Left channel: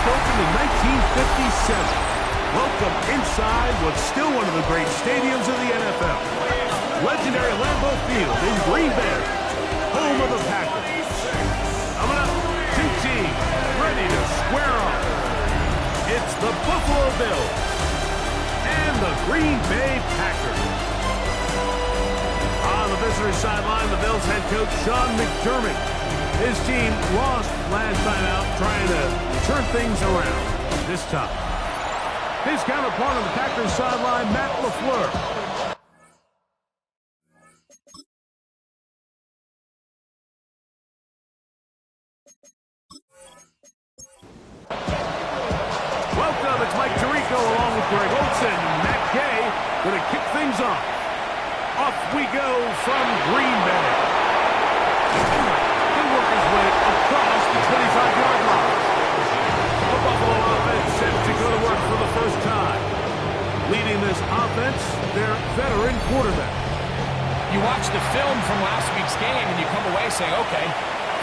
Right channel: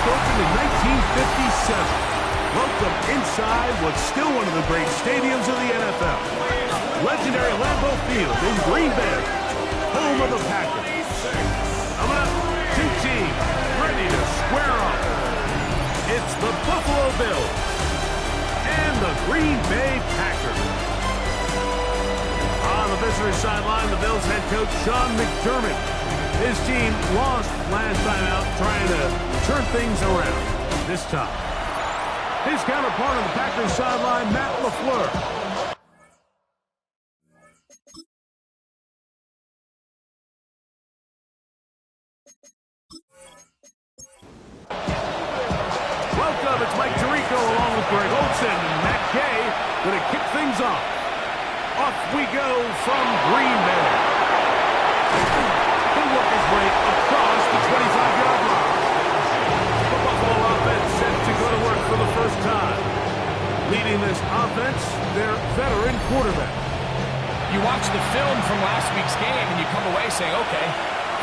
first opened in 1957. Welcome inside what's still one of the great stadiums of the NFL. Legendary Lambeau Field in Green Bay, home of the Packers. Coming up, two teams ready to square off. It's the Buffalo Bills and the Green Bay Packers. On the visitor's sideline, the Bills head coach Sean McDermott. His team lost last time out, trying to turn things around this time. His counterpart on the Packers sideline, Matt LaFleur. Welcome, it's Mike Tirico along with Greg Olsen and Matt Gay going to kick things off. Off we go from Green Bay. He'll work his way across the 25-yard line. The Buffalo offense set to go to work for the first time. Leading this offense, their veteran quarterback. You watch the film from last week's game and you come away saying, okay,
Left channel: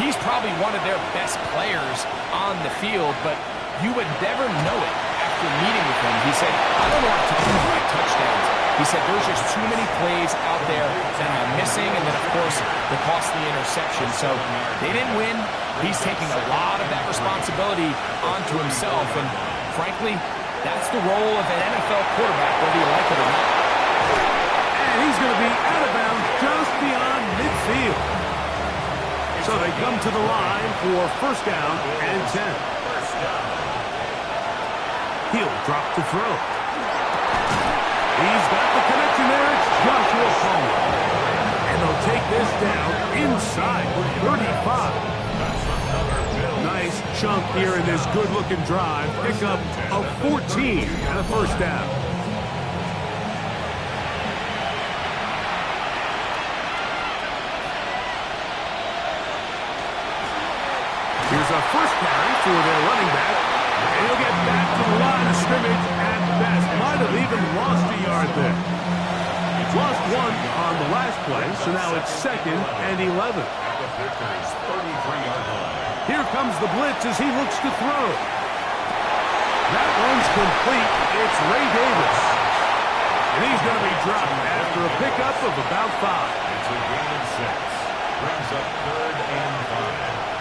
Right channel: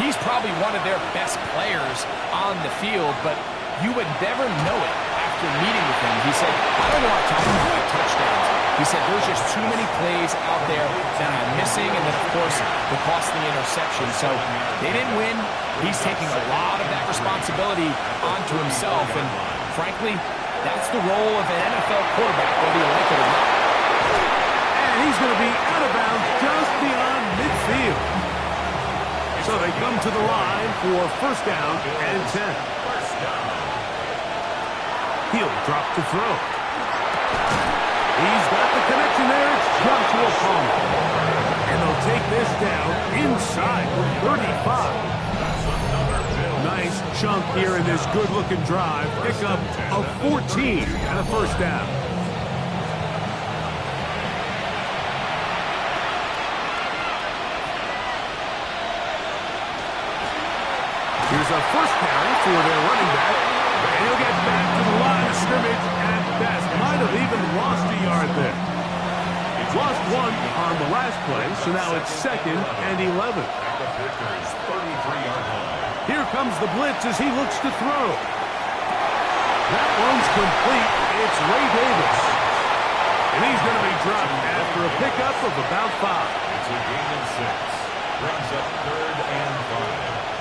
he's probably one of their best players on the field, but you would never know it after meeting with him. He said, I don't want to talk about my touchdowns. He said, there's just too many plays out there that I'm missing, and then, of course, the costly interception. So they didn't win. He's taking a lot of that responsibility onto himself, and frankly, that's the role of an NFL quarterback, whether you like it or not. And he's going to be out of bounds just beyond midfield. So they come to the line for first down and 10. He'll drop to throw. He's got the connection there. It's Joshua Palmer. And they'll take this down inside the 35. Nice chunk here in this good-looking drive. Pick up a 14 and a first down. Here's a first carry for their running back. And he'll get back to the line of scrimmage at best. Might have even lost a yard there. He's lost one on the last play, so now it's 2nd and 11. Here comes the blitz as he looks to throw. That one's complete. It's Ray Davis. And he's going to be dropped after a pickup of about 5. It's a gain of 6. Brings up 3rd and 5.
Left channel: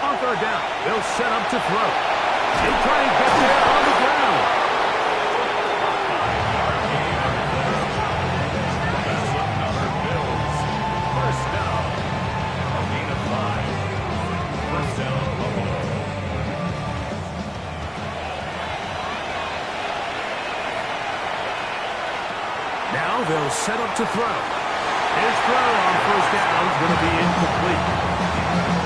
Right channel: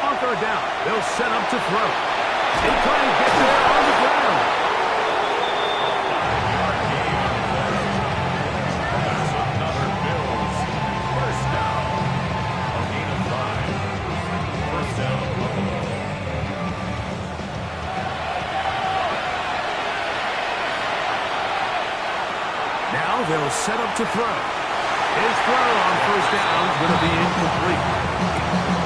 On third down, they'll set up to throw. He'll try and get there on the ground. A 5-yard gain on the play. That's another Bills. First down. A gain of 5. First down, Buffalo. Now they'll set up to throw. His throw on first down is going to be incomplete.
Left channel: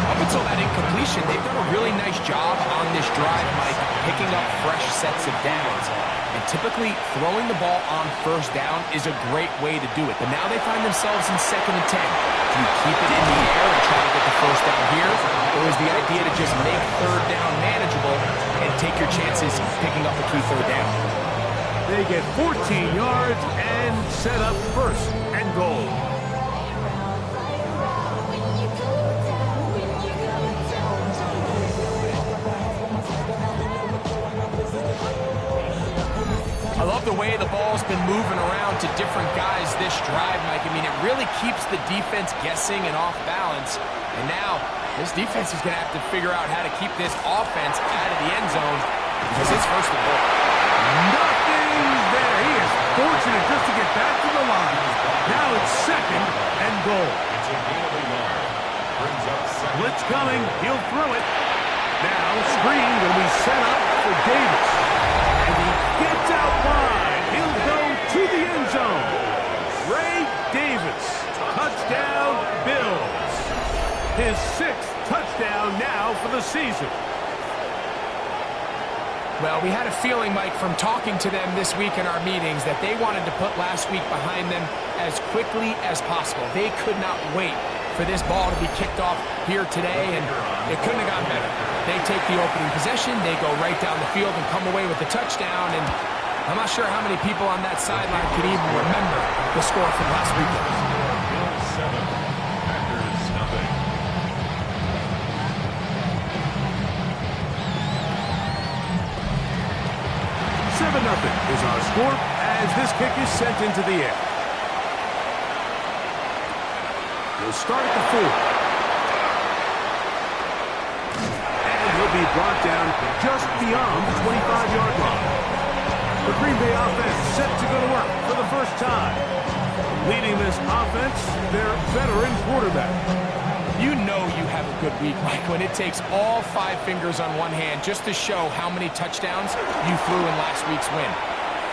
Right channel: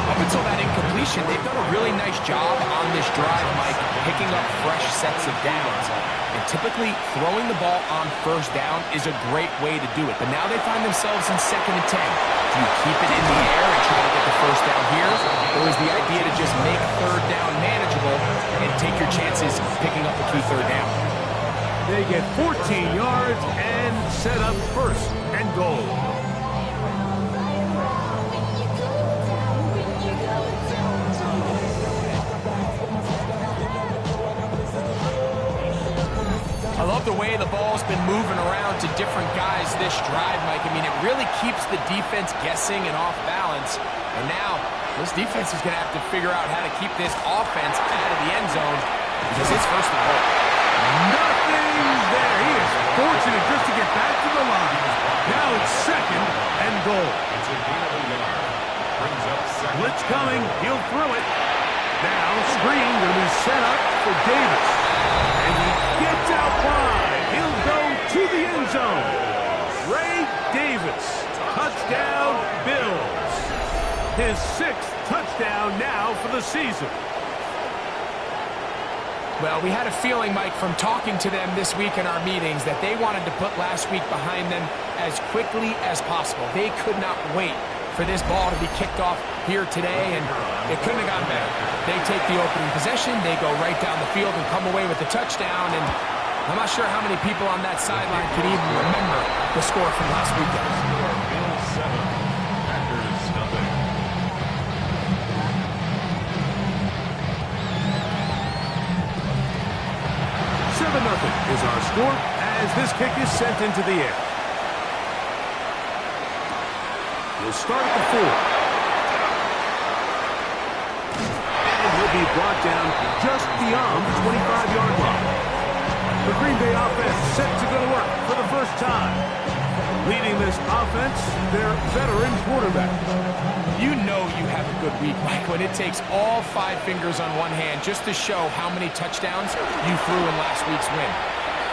Up until that incompletion, they've done a really nice job on this drive, Mike, picking up fresh sets of downs. And typically, throwing the ball on first down is a great way to do it. But now they find themselves in 2nd and 10. Do you keep it in the air and try to get the first down here? Or is the idea to just make third down manageable and take your chances picking up a key third down? They get 14 yards and set up first and goal. I love the way the ball's been moving around to different guys this drive, Mike. I mean, it really keeps the defense guessing and off balance. And now, this defense is going to have to figure out how to keep this offense out of the end zone because it's first and goal. Nothing there. He is fortunate just to get back to the line. Now it's 2nd and goal. It's a gain of a yard. Brings up 2nd. Blitz coming. He'll throw it. Now, screen going to be set up for Davis. And he gets out wide. He'll go to the end zone. Ray Davis. Touchdown, Bills. His 6th touchdown now for the season. Well, we had a feeling, Mike, from talking to them this week in our meetings that they wanted to put last week behind them as quickly as possible. They could not wait for this ball to be kicked off here today, and it couldn't have gone better. They take the opening possession, they go right down the field and come away with the touchdown, and I'm not sure how many people on that sideline could even remember the score from last weekend. Bills 7, Packers nothing. 7-0 is our score as this kick is sent into the air. He'll start at the 4. And he'll be brought down just beyond the 25-yard line. The Green Bay offense set to go to work for the first time. Leading this offense, their veteran quarterback. You know you have a good week, Mike, when it takes all 5 fingers on one hand just to show how many touchdowns you threw in last week's win.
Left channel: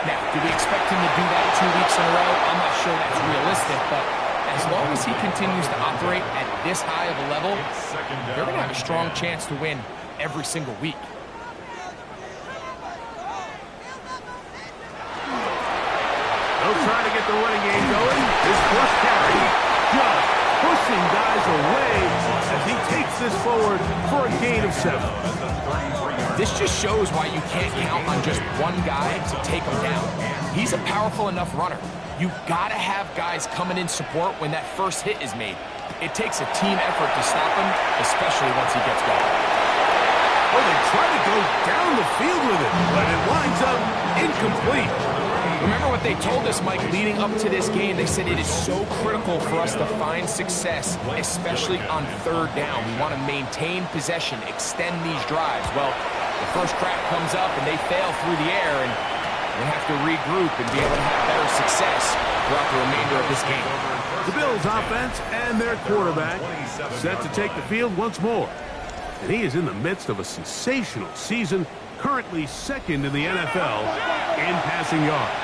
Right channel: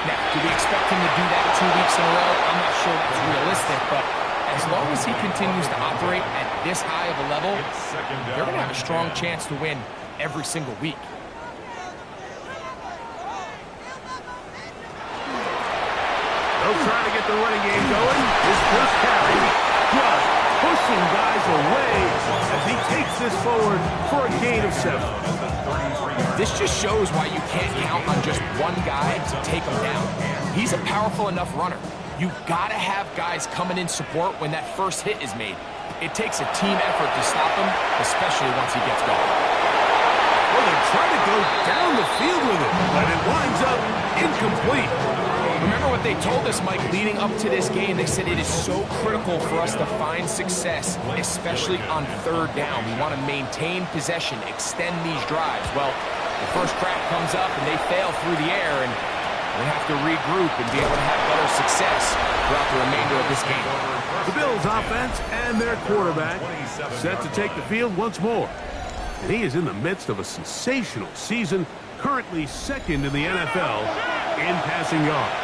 Now, do we expect him to do that 2 weeks in a row? I'm not sure that's realistic, but as long as he continues to operate at this high of a level, they're going to have a strong chance to win every single week. They'll try to get the running game going. His first carry, just pushing guys away as he takes this forward for a gain of 7. This just shows why you can't count on just one guy to take him down. He's a powerful enough runner. You've got to have guys coming in support when that first hit is made. It takes a team effort to stop him, especially once he gets going. Well, they try to go down the field with it, but it winds up incomplete. Remember what they told us, Mike, leading up to this game. They said it is so critical for us to find success, especially on 3rd down. We want to maintain possession, extend these drives. Well, the first crack comes up and they fail through the air, and they have to regroup and be able to have better success throughout the remainder of this game. The Bills offense and their quarterback set to take the field once more. And he is in the midst of a sensational season, currently 2nd in the NFL in passing yards.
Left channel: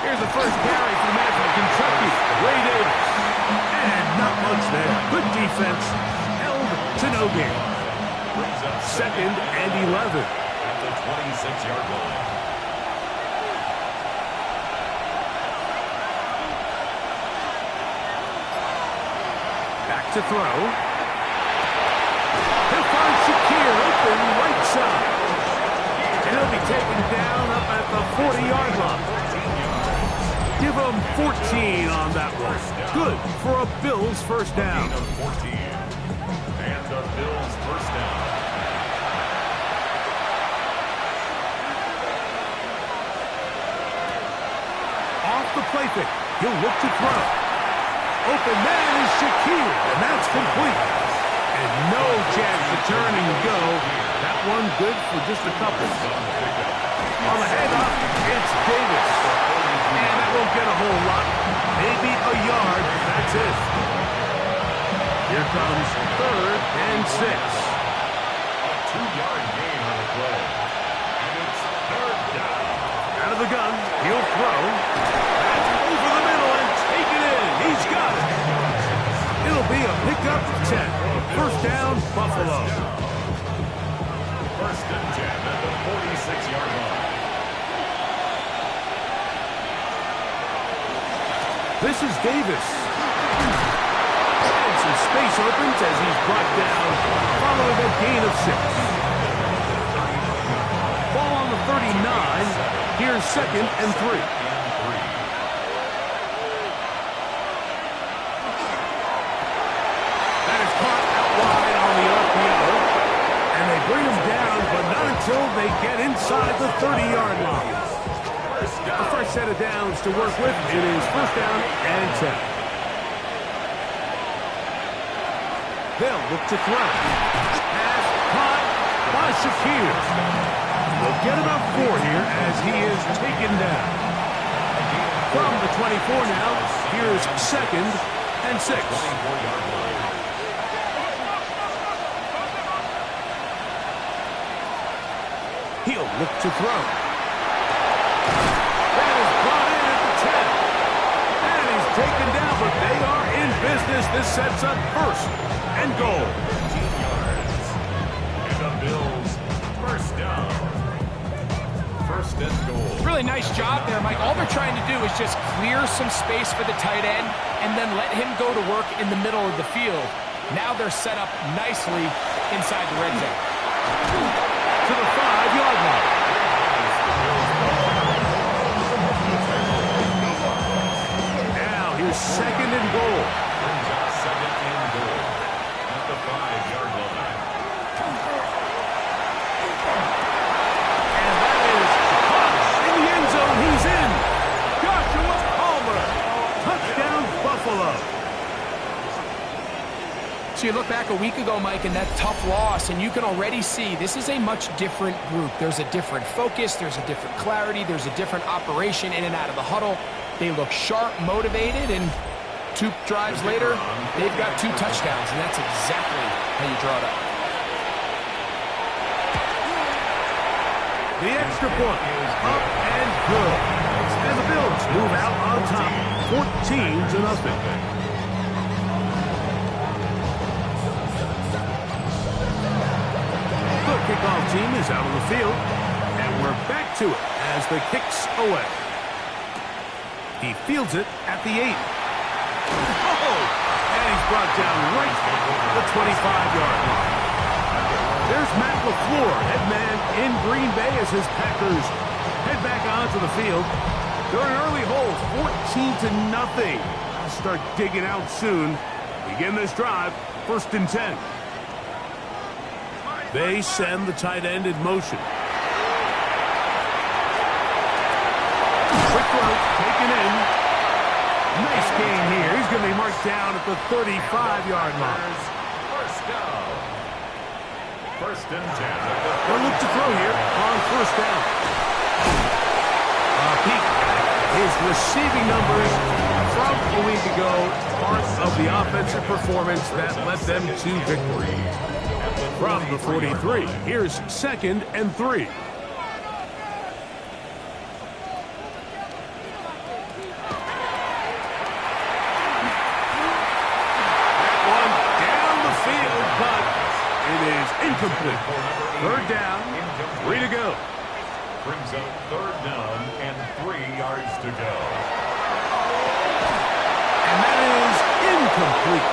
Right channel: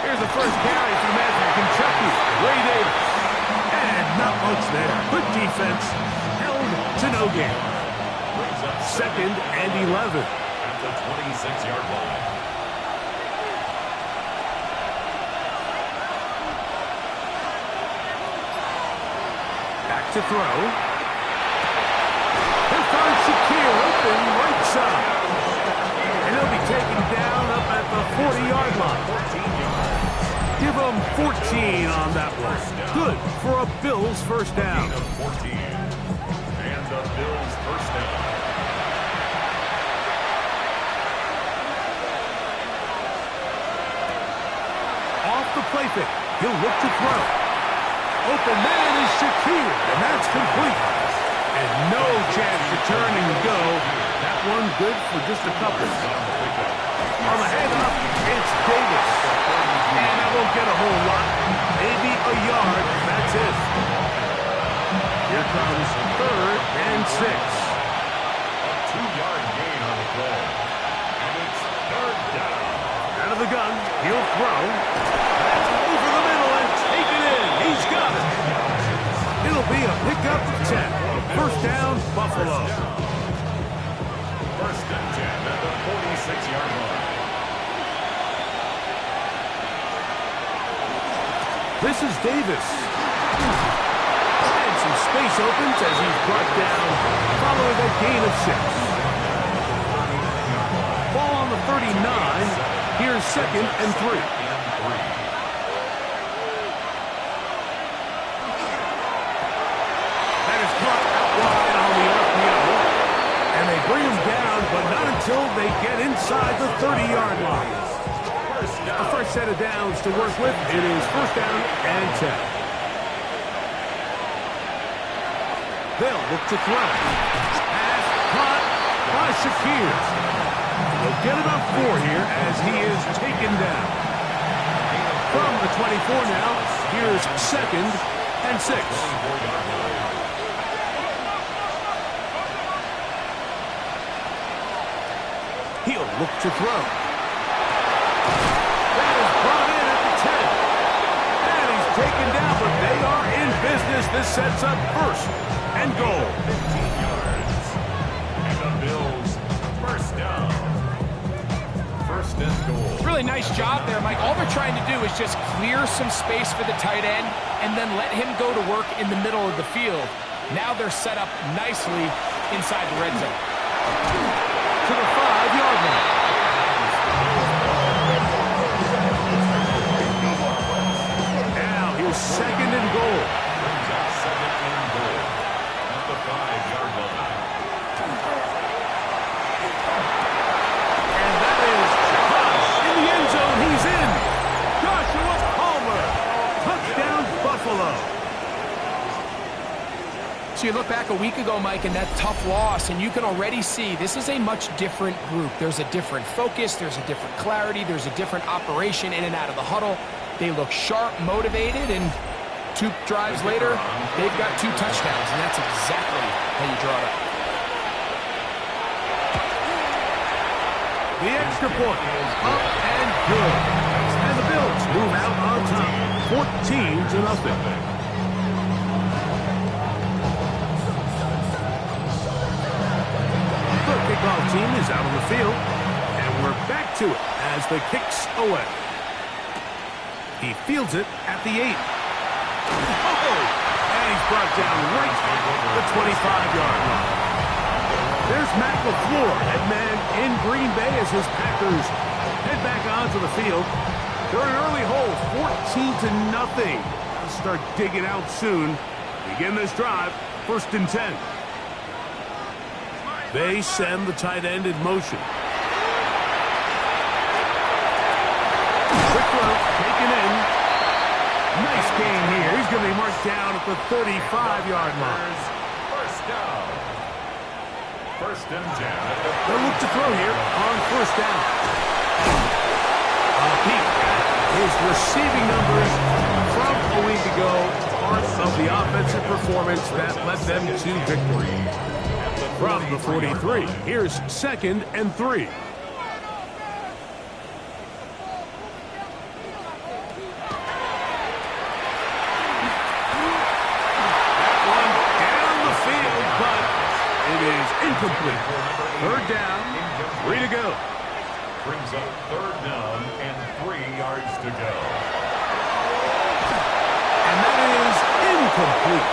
Here's the first carry for the man from Kentucky, Ray Davis. And not much there. Good defense, held to no gain. 2nd and 11. At the 26-yard line. Back to throw. He'll find Shakir open right side. And he'll be taken down up at the 40-yard line. 14 yards. Give him 14 on that one. Good for a Bills first down. Gain of 14. And the Bills first down. Off the play fake. He'll look to throw. Open man is Shakir, and that's complete. And no chance to turn and go. That one good for just a couple. On the handoff, it's Davis. And that won't get a whole lot. Maybe a yard. That's it. Here comes 3rd and 6. A 2-yard gain on the play. And it's 3rd down. Out of the gun, he'll throw. That's over the middle and take it in. He's got it. It'll be a pickup of 10. First down, Buffalo. 1st and 10 at the 46-yard line. This is Davis. And some space opens as he's brought down following a gain of 6. Ball on the 39. Here's 2nd and 3. That is caught out wide on the RPO. And they bring him down, but not until they get inside the 30-yard line. A fresh set of downs to work with. It is 1st down and 10. They'll look to throw. Pass caught by Shakir. They'll get about 4 here as he is taken down. From the 24 now, here's 2nd and 6. He'll look to throw. That is brought in at the 10. And he's taken down, but they are in business. This sets up 1st and goal. 15 yards. And the Bills first down. 1st and goal. Really nice job there, Mike. All they're trying to do is just clear some space for the tight end and then let him go to work in the middle of the field. Now they're set up nicely inside the red zone. To the 5-yard line. Now here's 2nd and goal. Brings up 2nd and goal at the 5-yard line. So you look back a week ago, Mike, and that tough loss, and you can already see this is a much different group. There's a different focus, there's a different clarity, there's a different operation in and out of the huddle. They look sharp, motivated, and 2 drives later, they've got 2 touchdowns, and that's exactly how you draw it up. The extra point is up and good. And the Bills move out on top, 14-0. The kickoff team is out on the field, and we're back to it as the kick's away. He fields it at the 8. Oh! And he's brought down right at the 25-yard line. There's Matt LaFleur, head man in Green Bay as his Packers head back onto the field. They're in an early hole, 14-0. I'll start digging out soon. Begin this drive, 1st and 10. They send the tight end in motion. Quick throw, taken in. Nice gain here. He's going to be marked down at the 35-yard line. First down. 1st and 10. They'll look to throw here on 1st down. A peek at his receiving numbers from a week ago. Part of the offensive performance that led them to victory. From the 43, here's 2nd and 3. That one down the field, but it is incomplete. 3rd down, 3 to go. Brings up 3rd down and 3 yards to go. And that is incomplete.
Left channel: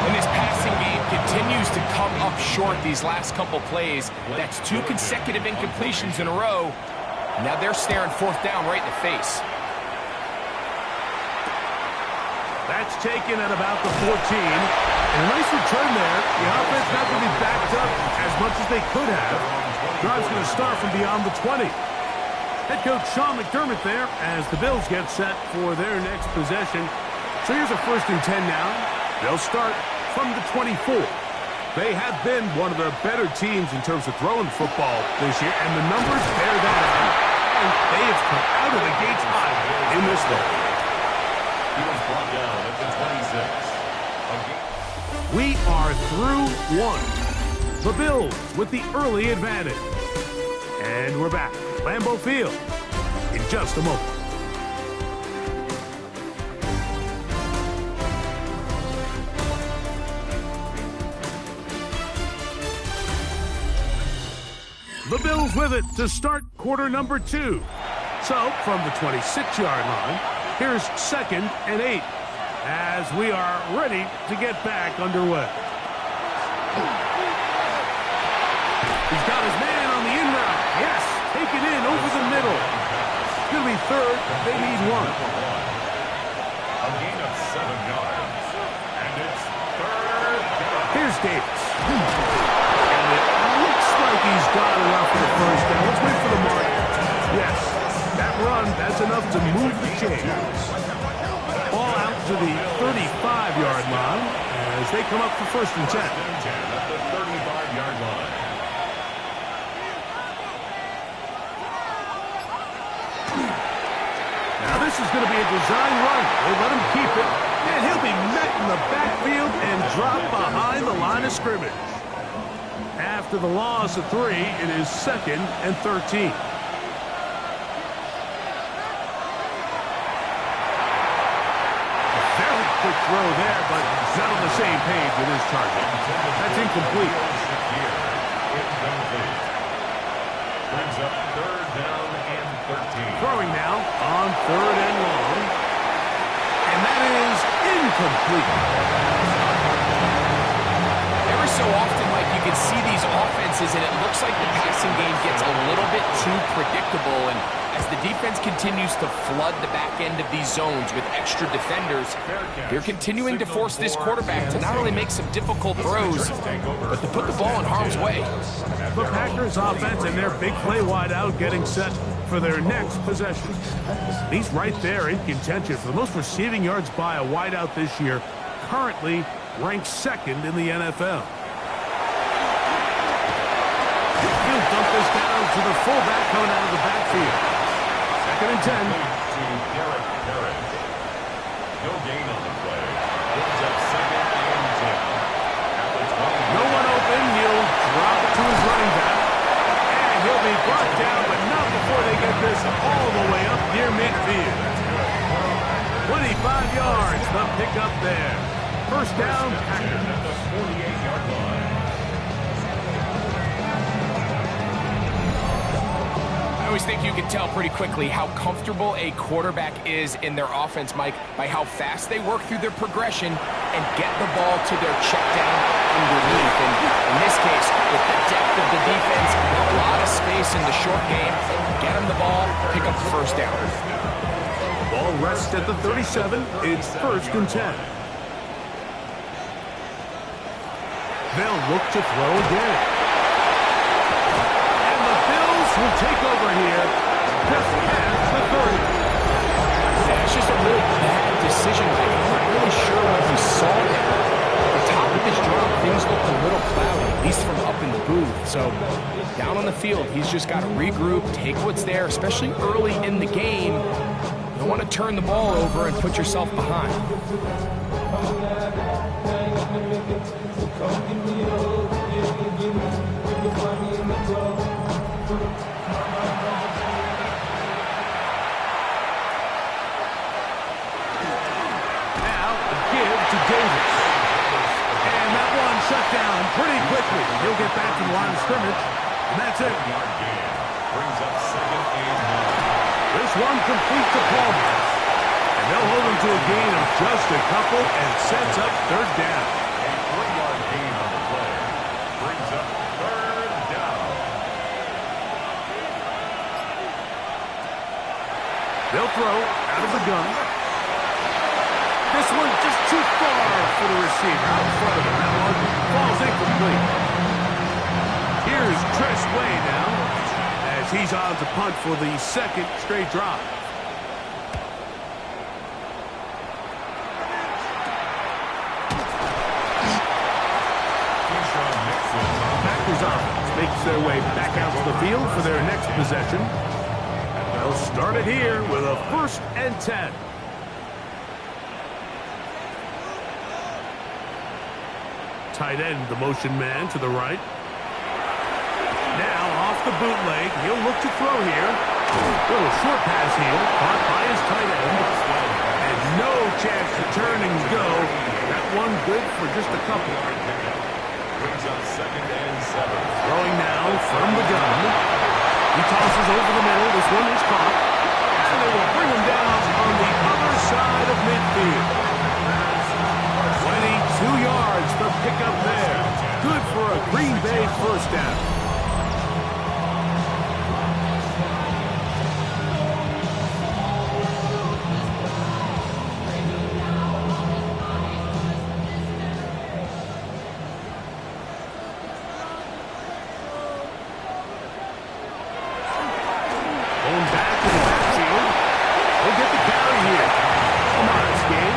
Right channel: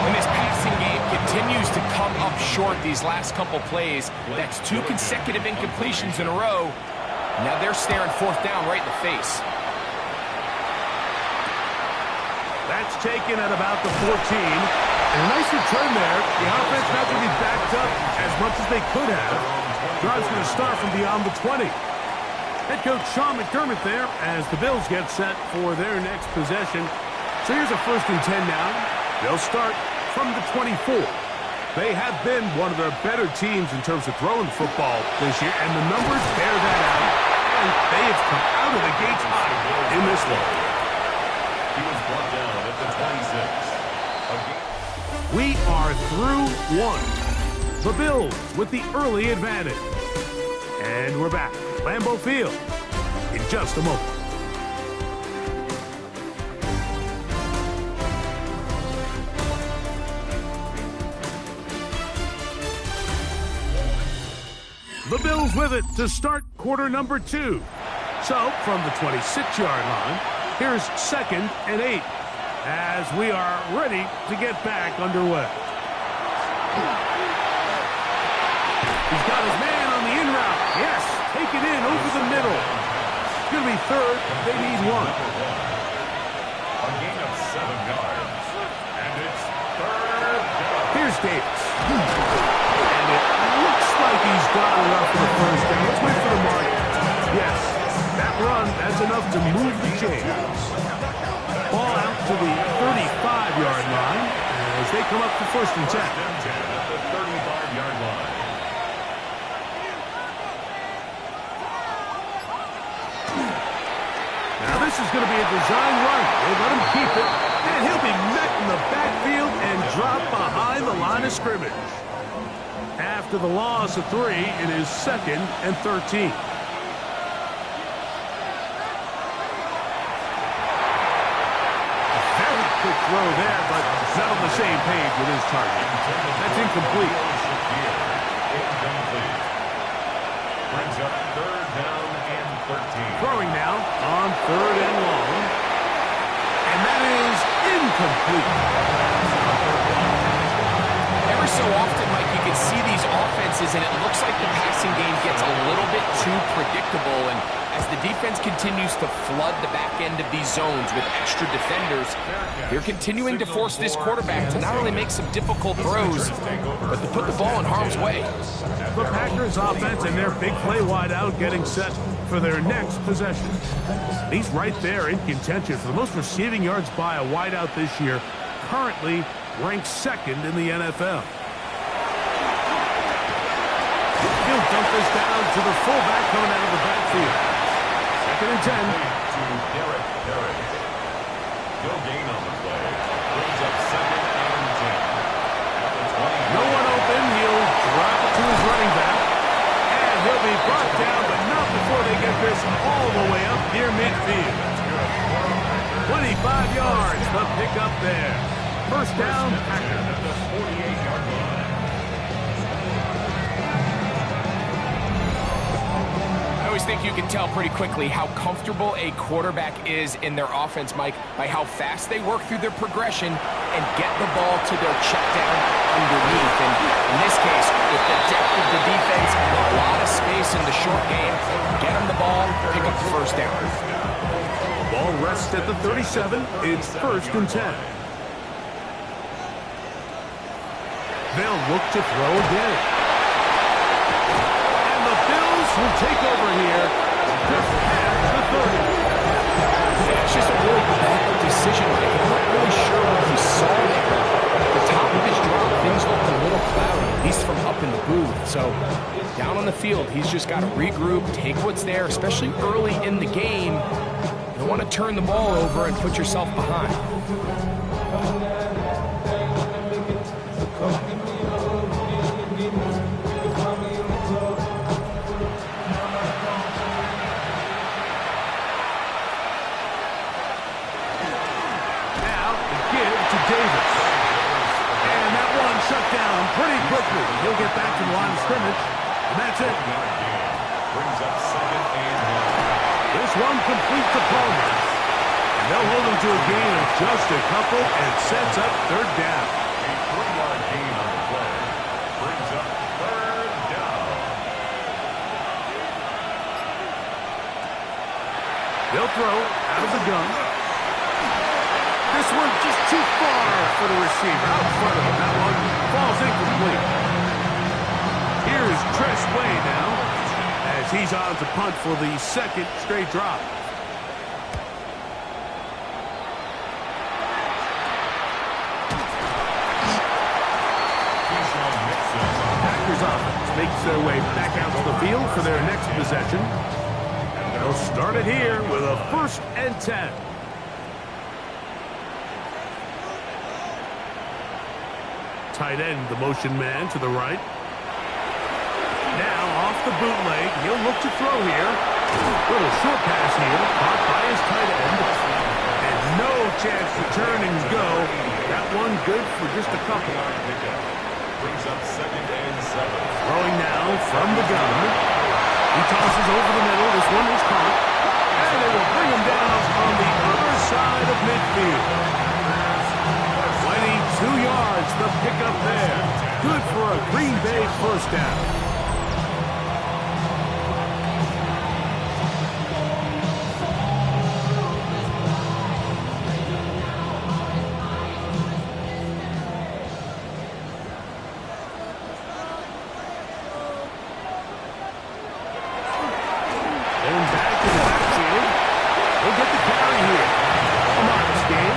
And this passing game continues to come up short these last couple plays. That's 2 consecutive incompletions in a row. Now they're staring 4th down right in the face. That's taken at about the 14. And a nice return there. The offense not going to be backed up as much as they could have. Drive's going to start from beyond the 20. Head coach Sean McDermott there as the Bills get set for their next possession. So here's a 1st and 10 now. They'll start from the 24. They have been one of the better teams in terms of throwing the football this year, and the numbers bear that out. And they have come out of the gates high in this one. He was brought down at the 26. We are through 1. The Bills with the early advantage. And we're back. Lambeau Field in just a moment. The Bills with it to start quarter number 2. So, from the 26-yard line, here's 2nd and 8 as we are ready to get back underway. He's got his man on the in route. Yes, take it in over the middle. It's going to be 3rd. They need 1. A gain of 7 yards. And it's 3rd down. Here's Davis. And it looks like he's got enough for the 1st down. Let's wait for the mark. Yes, that run, that's enough to move the chains. Ball out to the 35-yard line as they come up for 1st and 10. 1st and 10 at the 35-yard line. Now this is going to be a design run. They let him keep it, and he'll be met in the backfield and drop behind the line of scrimmage. After the loss of 3, it is 2nd and 13. A very quick throw there, but not on the same page with his target. That's incomplete. Incomplete. Brings up 3rd down and 13. Throwing now on 3rd and long. And that is incomplete. Every so often, Mike, you can see these offenses, and it looks like the passing game gets a little bit too predictable. And as the defense continues to flood the back end of these zones with extra defenders, they're continuing to force this quarterback to not only make some difficult throws, but to put the ball in harm's way. The Packers offense and their big play wide out getting set for their next possession. He's right there in contention for the most receiving yards by a wideout this year. currently ranked second in the NFL. He'll dump this down to the fullback coming out of the backfield. 2nd and 10. To Derek Parrish. No gain on the play. Brings up 2nd and 10. At the 20. No one open. He'll drop it to his running back. And he'll be brought down, but not before they get this all the way up near midfield. That's good. 25 yards, the pickup there. First down, Packers. At the 48-yard line. I always think you can tell pretty quickly how comfortable a quarterback is in their offense, Mike, by how fast they work through their progression and get the ball to their check down underneath. And in this case, with the depth of the defense, a lot of space in the short game, get them the ball, pick up the first down. Ball rests at the 37. It's 1st and 10. They'll look to throw again. And the Bills will take over here just past the 30. Yeah, it's just a really bad decision, Mike. I'm not really sure what he saw there. The top of his drop, things looked a little cloudy, at least from up in the booth. So down on the field, he's just got to regroup, take what's there, especially early in the game. You don't want to turn the ball over and put yourself behind. To Davis. And that one shut down pretty quickly. He'll get back to the line of scrimmage. And that's it. Brings up 2nd and 9. This one complete to Palmer. And they'll hold him to a gain of just a couple and sets up 3rd down. A 3-yard gain on the play. Brings up 3rd down. They'll throw out of the gun. This one just too far for the receiver. Out in front of him. That one falls incomplete. Here's Tress Way now as he's on to punt for the 2nd straight drop. Packers offense makes their way back out to the field for their next possession. They'll start it here with a 1st and 10. Tight end, the motion man to the right. Now off the bootleg, he'll look to throw here. Little short pass here, caught by his tight end. And no chance to turn and go. That one good for just a couple. Brings up 2nd and 7. Throwing now from the gun. He tosses over the middle. This one is caught. And they will bring him down on the other side of midfield. 22 yards, the pickup there. Good for a Green Bay first down. Going back to the backfield. He'll get the carry here. A modest gain.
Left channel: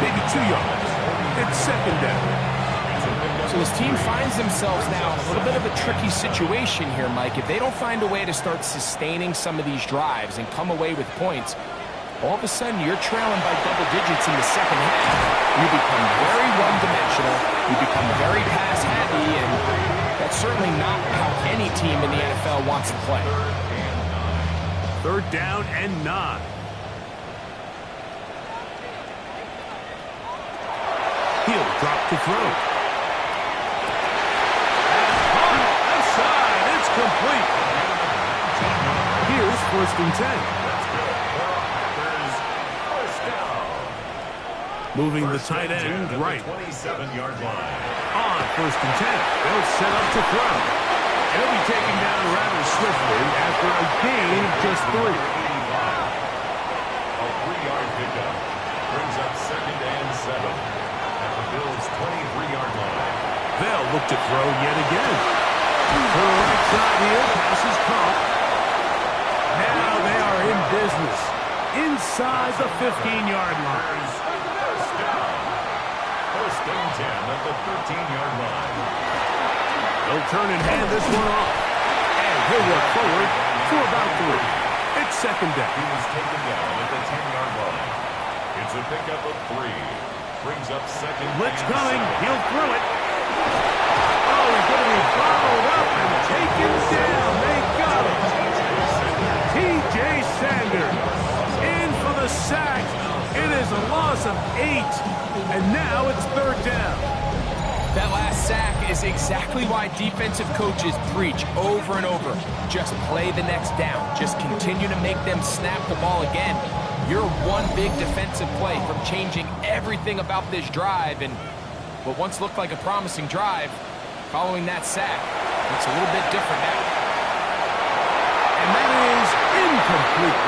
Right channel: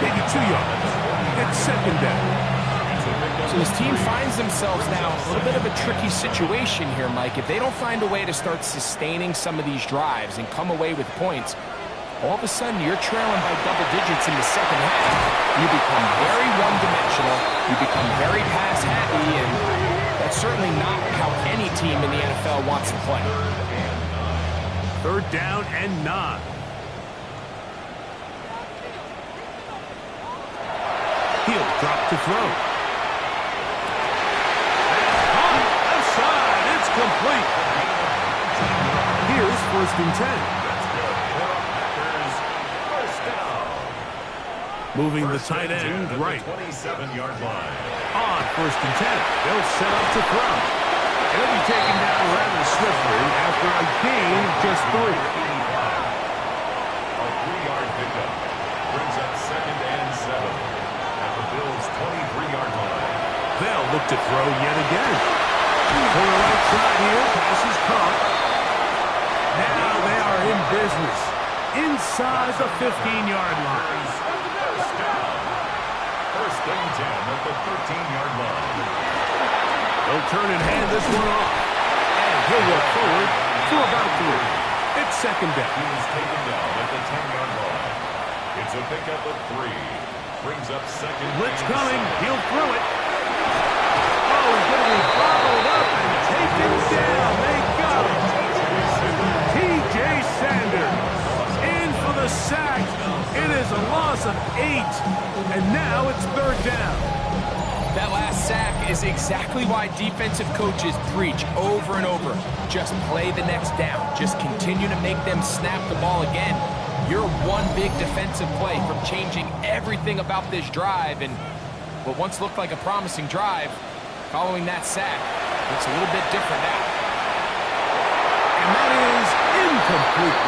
Maybe 2 yards. It's 2nd down. So this team finds themselves now in a little bit of a tricky situation here, Mike. If they don't find a way to start sustaining some of these drives and come away with points, all of a sudden you're trailing by double digits in the 2nd half. You become very one-dimensional. You become very pass-heavy, and that's certainly not how any team in the NFL wants to play. 3rd down and 9. He'll drop to throw. On left side, it's complete. Here's 1st and 10. That's good for Packers. First down. Moving the tight end right. 27-yard line. On 1st and 10. They'll set up to throw. It'll be taken down rather swiftly after a gain of just 3. A 3-yard pickup. Brings up 2nd and 7. At the Bills' 23-yard line. They'll look to throw yet again. To the right side here, pass is caught. Now they are in business. Inside the 15-yard line. First down. First and 10 at the 13-yard line. They'll turn and hand this one off. And he'll work forward for about 3. It's second down. He was taken down at the 10-yard line. It's a pickup of 3. Brings up second. Blitz coming. He'll throw it. Oh, he's going to be followed up and taken down. They got him. T.J. Sanders in for the sack. It is a loss of 8. And now it's third down. That last sack is exactly why defensive coaches preach over and over. Just play the next down. Just continue to make them snap the ball again. You're one big defensive play from changing everything about this drive, and what once looked like a promising drive, following that sack, looks a little bit different now. And that is incomplete.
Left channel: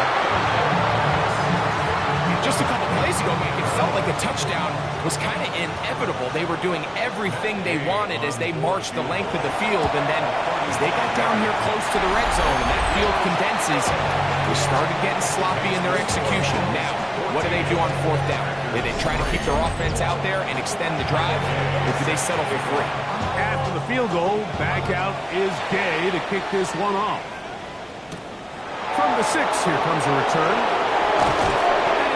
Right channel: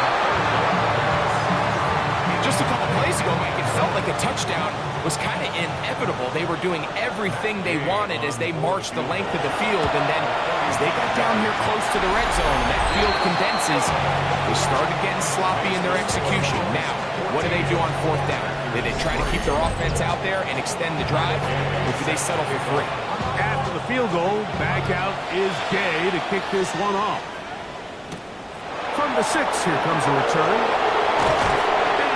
Just a couple plays ago, Mike, it felt like a touchdown was kind of inevitable. They were doing everything they wanted as they marched the length of the field, and then as they got down here close to the red zone and that field condenses, they started getting sloppy in their execution. Now, what do they do on fourth down? Do they try to keep their offense out there and extend the drive, or do they settle for 3? After the field goal, back out is Gay to kick this one off. From the 6, here comes a return.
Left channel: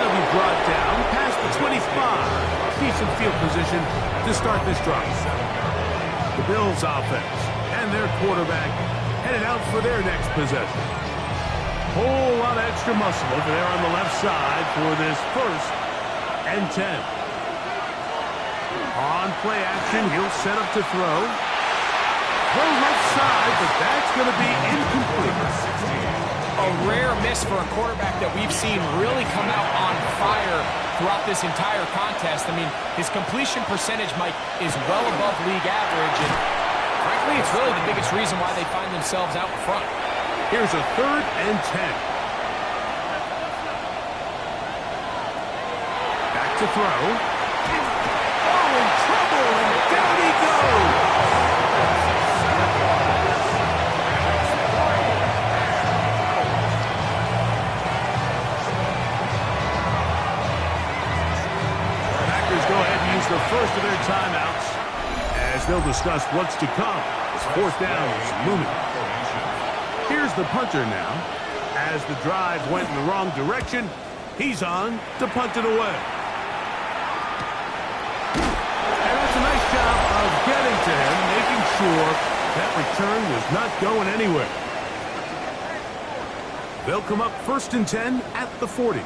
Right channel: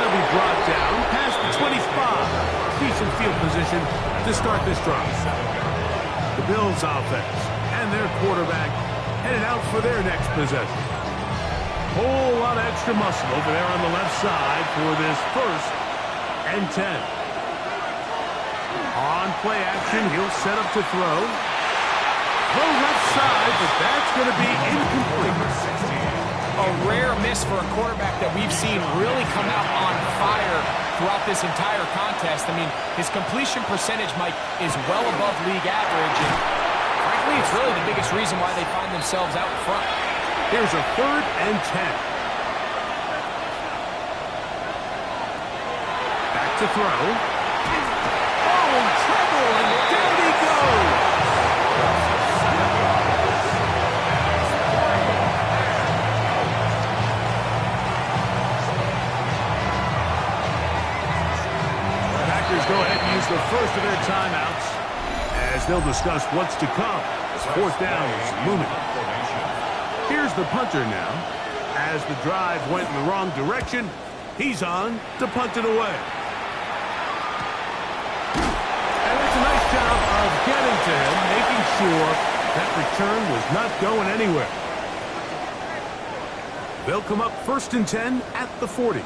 Be brought down past the 25. Decent field position to start this drive. The Bills offense and their quarterback headed out for their next possession. Whole lot of extra muscle over there on the left side for this first and 10. On play action, he'll set up to throw. Throw left side, but that's going to be incomplete. A rare miss for a quarterback that we've seen really come out on fire throughout this entire contest. I mean, his completion percentage, Mike, is well above league average, and frankly, it's really the biggest reason why they find themselves out in front. Here's a third and 10. Back to throw. Oh, in trouble, and down he goes. Go ahead and use the first of their timeouts as they'll discuss what's to come as fourth down is looming. Here's the punter now. As the drive went in the wrong direction, he's on to punt it away. And that's a nice job of getting to him, making sure that return was not going anywhere. They'll come up first and 10 at the 40.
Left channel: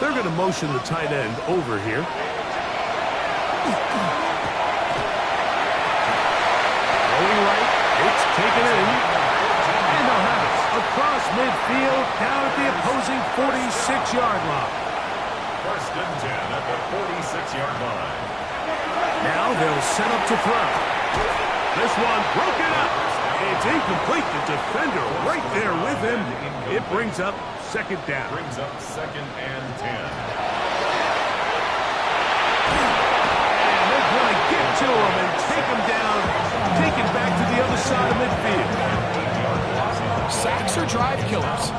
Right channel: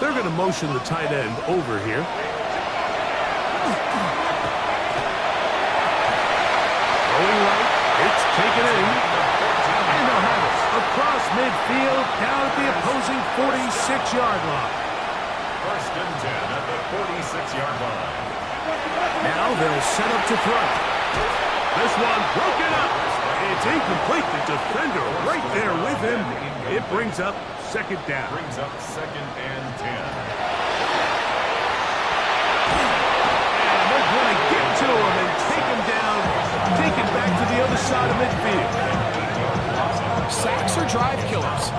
They're going to motion the tight end over here. Going right, it's taken in. And they'll have it across midfield, down at the opposing 46-yard line. First and 10 at the 46-yard line. Now they'll set up to throw. This one broken up. It's incomplete. The defender right there with him. It brings up second down. Brings up second and 10. And they're going to get to him and take him down, take it back to the other side of midfield. Sacks are drive killers.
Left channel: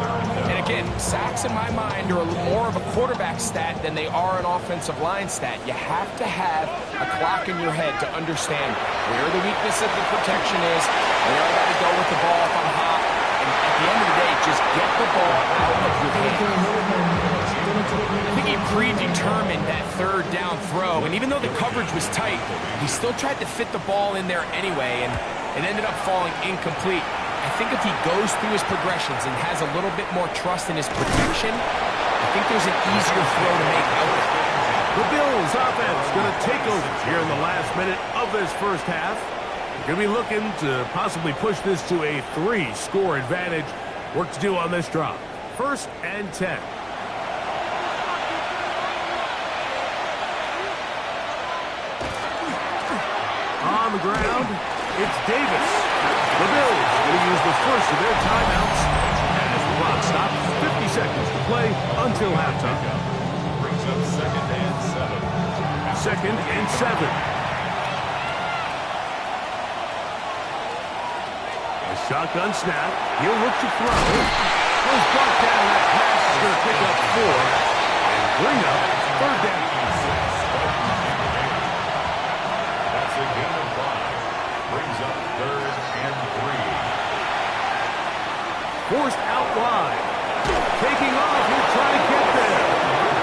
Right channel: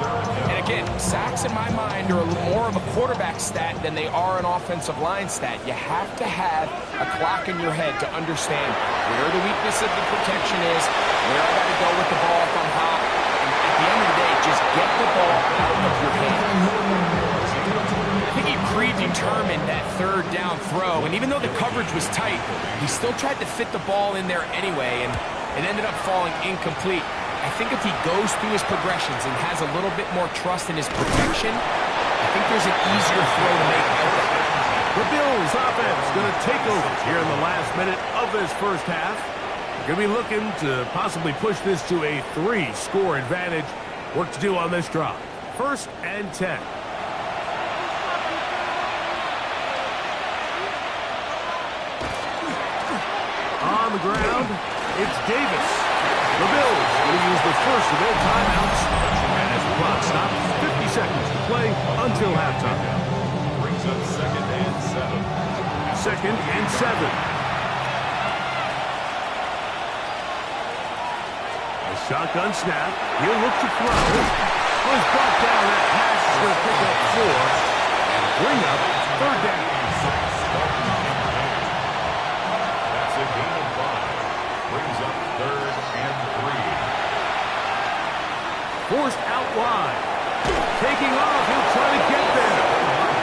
And again, sacks in my mind are more of a quarterback stat than they are an offensive line stat. You have to have a clock in your head to understand where the weakness of the protection is, where I got to go with the ball if I'm hot. And at the end of the day, just get the ball out of your hand. I think he predetermined that third down throw, and even though the coverage was tight, he still tried to fit the ball in there anyway, and it ended up falling incomplete. I think if he goes through his progressions and has a little bit more trust in his protection, I think there's an easier throw to make out there. The Bills offense going to take over here in the last minute of this first half. They're going to be looking to possibly push this to a 3-score advantage. Work to do on this drive. First and 10. On the ground, it's Davis. The Bills going to use the first of their timeouts as the clock stops. 50 seconds to play until halftime. Brings up second and 7. Second and 7. A shotgun snap. He'll look to throw. Was brought down. That pass is going to pick up 4. And bring up third down. That's a gain of 5. Brings up 3rd and 3. Forced out wide. Taking off, he'll try to get there.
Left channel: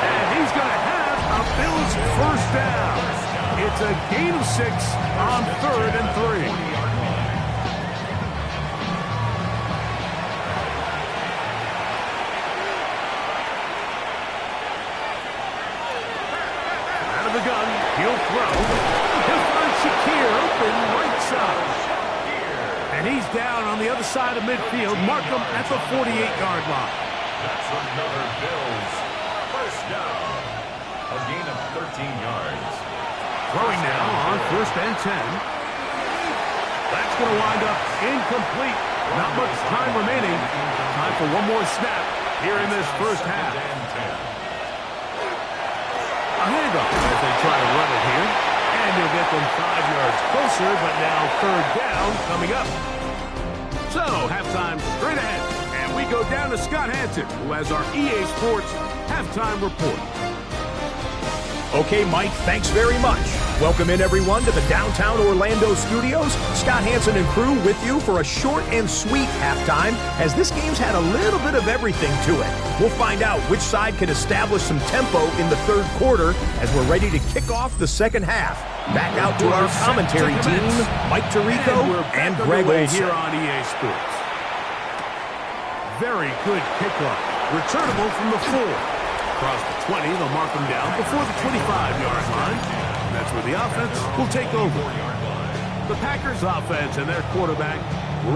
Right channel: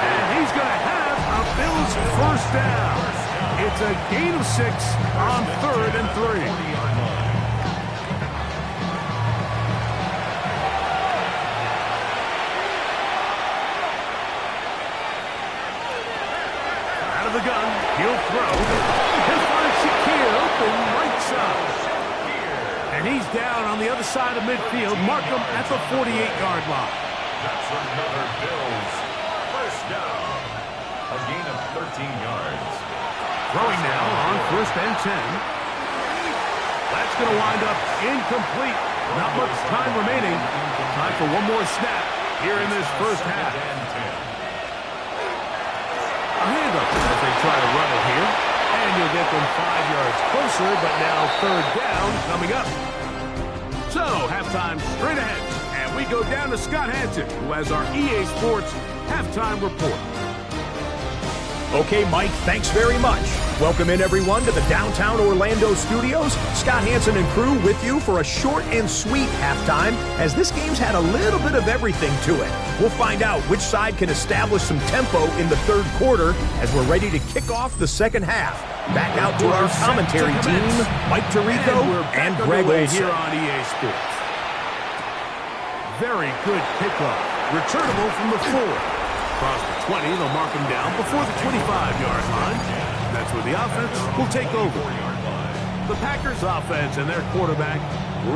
And he's going to have a Bills first down. It's a gain of 6 on 3rd and 3. 40-yard line. Out of the gun, he'll throw. He'll find Shakir open right side. And he's down on the other side of midfield. Mark him at the 48-yard line. That's another Bills first down. A gain of 13 yards. Throwing now on 1st and 10. That's going to wind up incomplete. Not much time remaining. Time for one more snap here in this first half. A handoff as they try to run it here. And you'll get them 5 yards closer, but now 3rd down coming up. So, halftime straight ahead. And we go down to Scott Hansen, who has our EA Sports halftime report. Okay, Mike, thanks very much. Welcome in, everyone, to the downtown Orlando studios. Scott Hansen and crew with you for a short and sweet halftime, as this game's had a little bit of everything to it. We'll find out which side can establish some tempo in the 3rd quarter as we're ready to kick off the 2nd half. Back out to our commentary team, Mike Tirico and Greg Olson. Here on EA Sports. Very good kickoff. Returnable from the 4. Across the 20, they'll mark them down before the 25-yard line. That's where the offense will take over. The Packers offense and their quarterback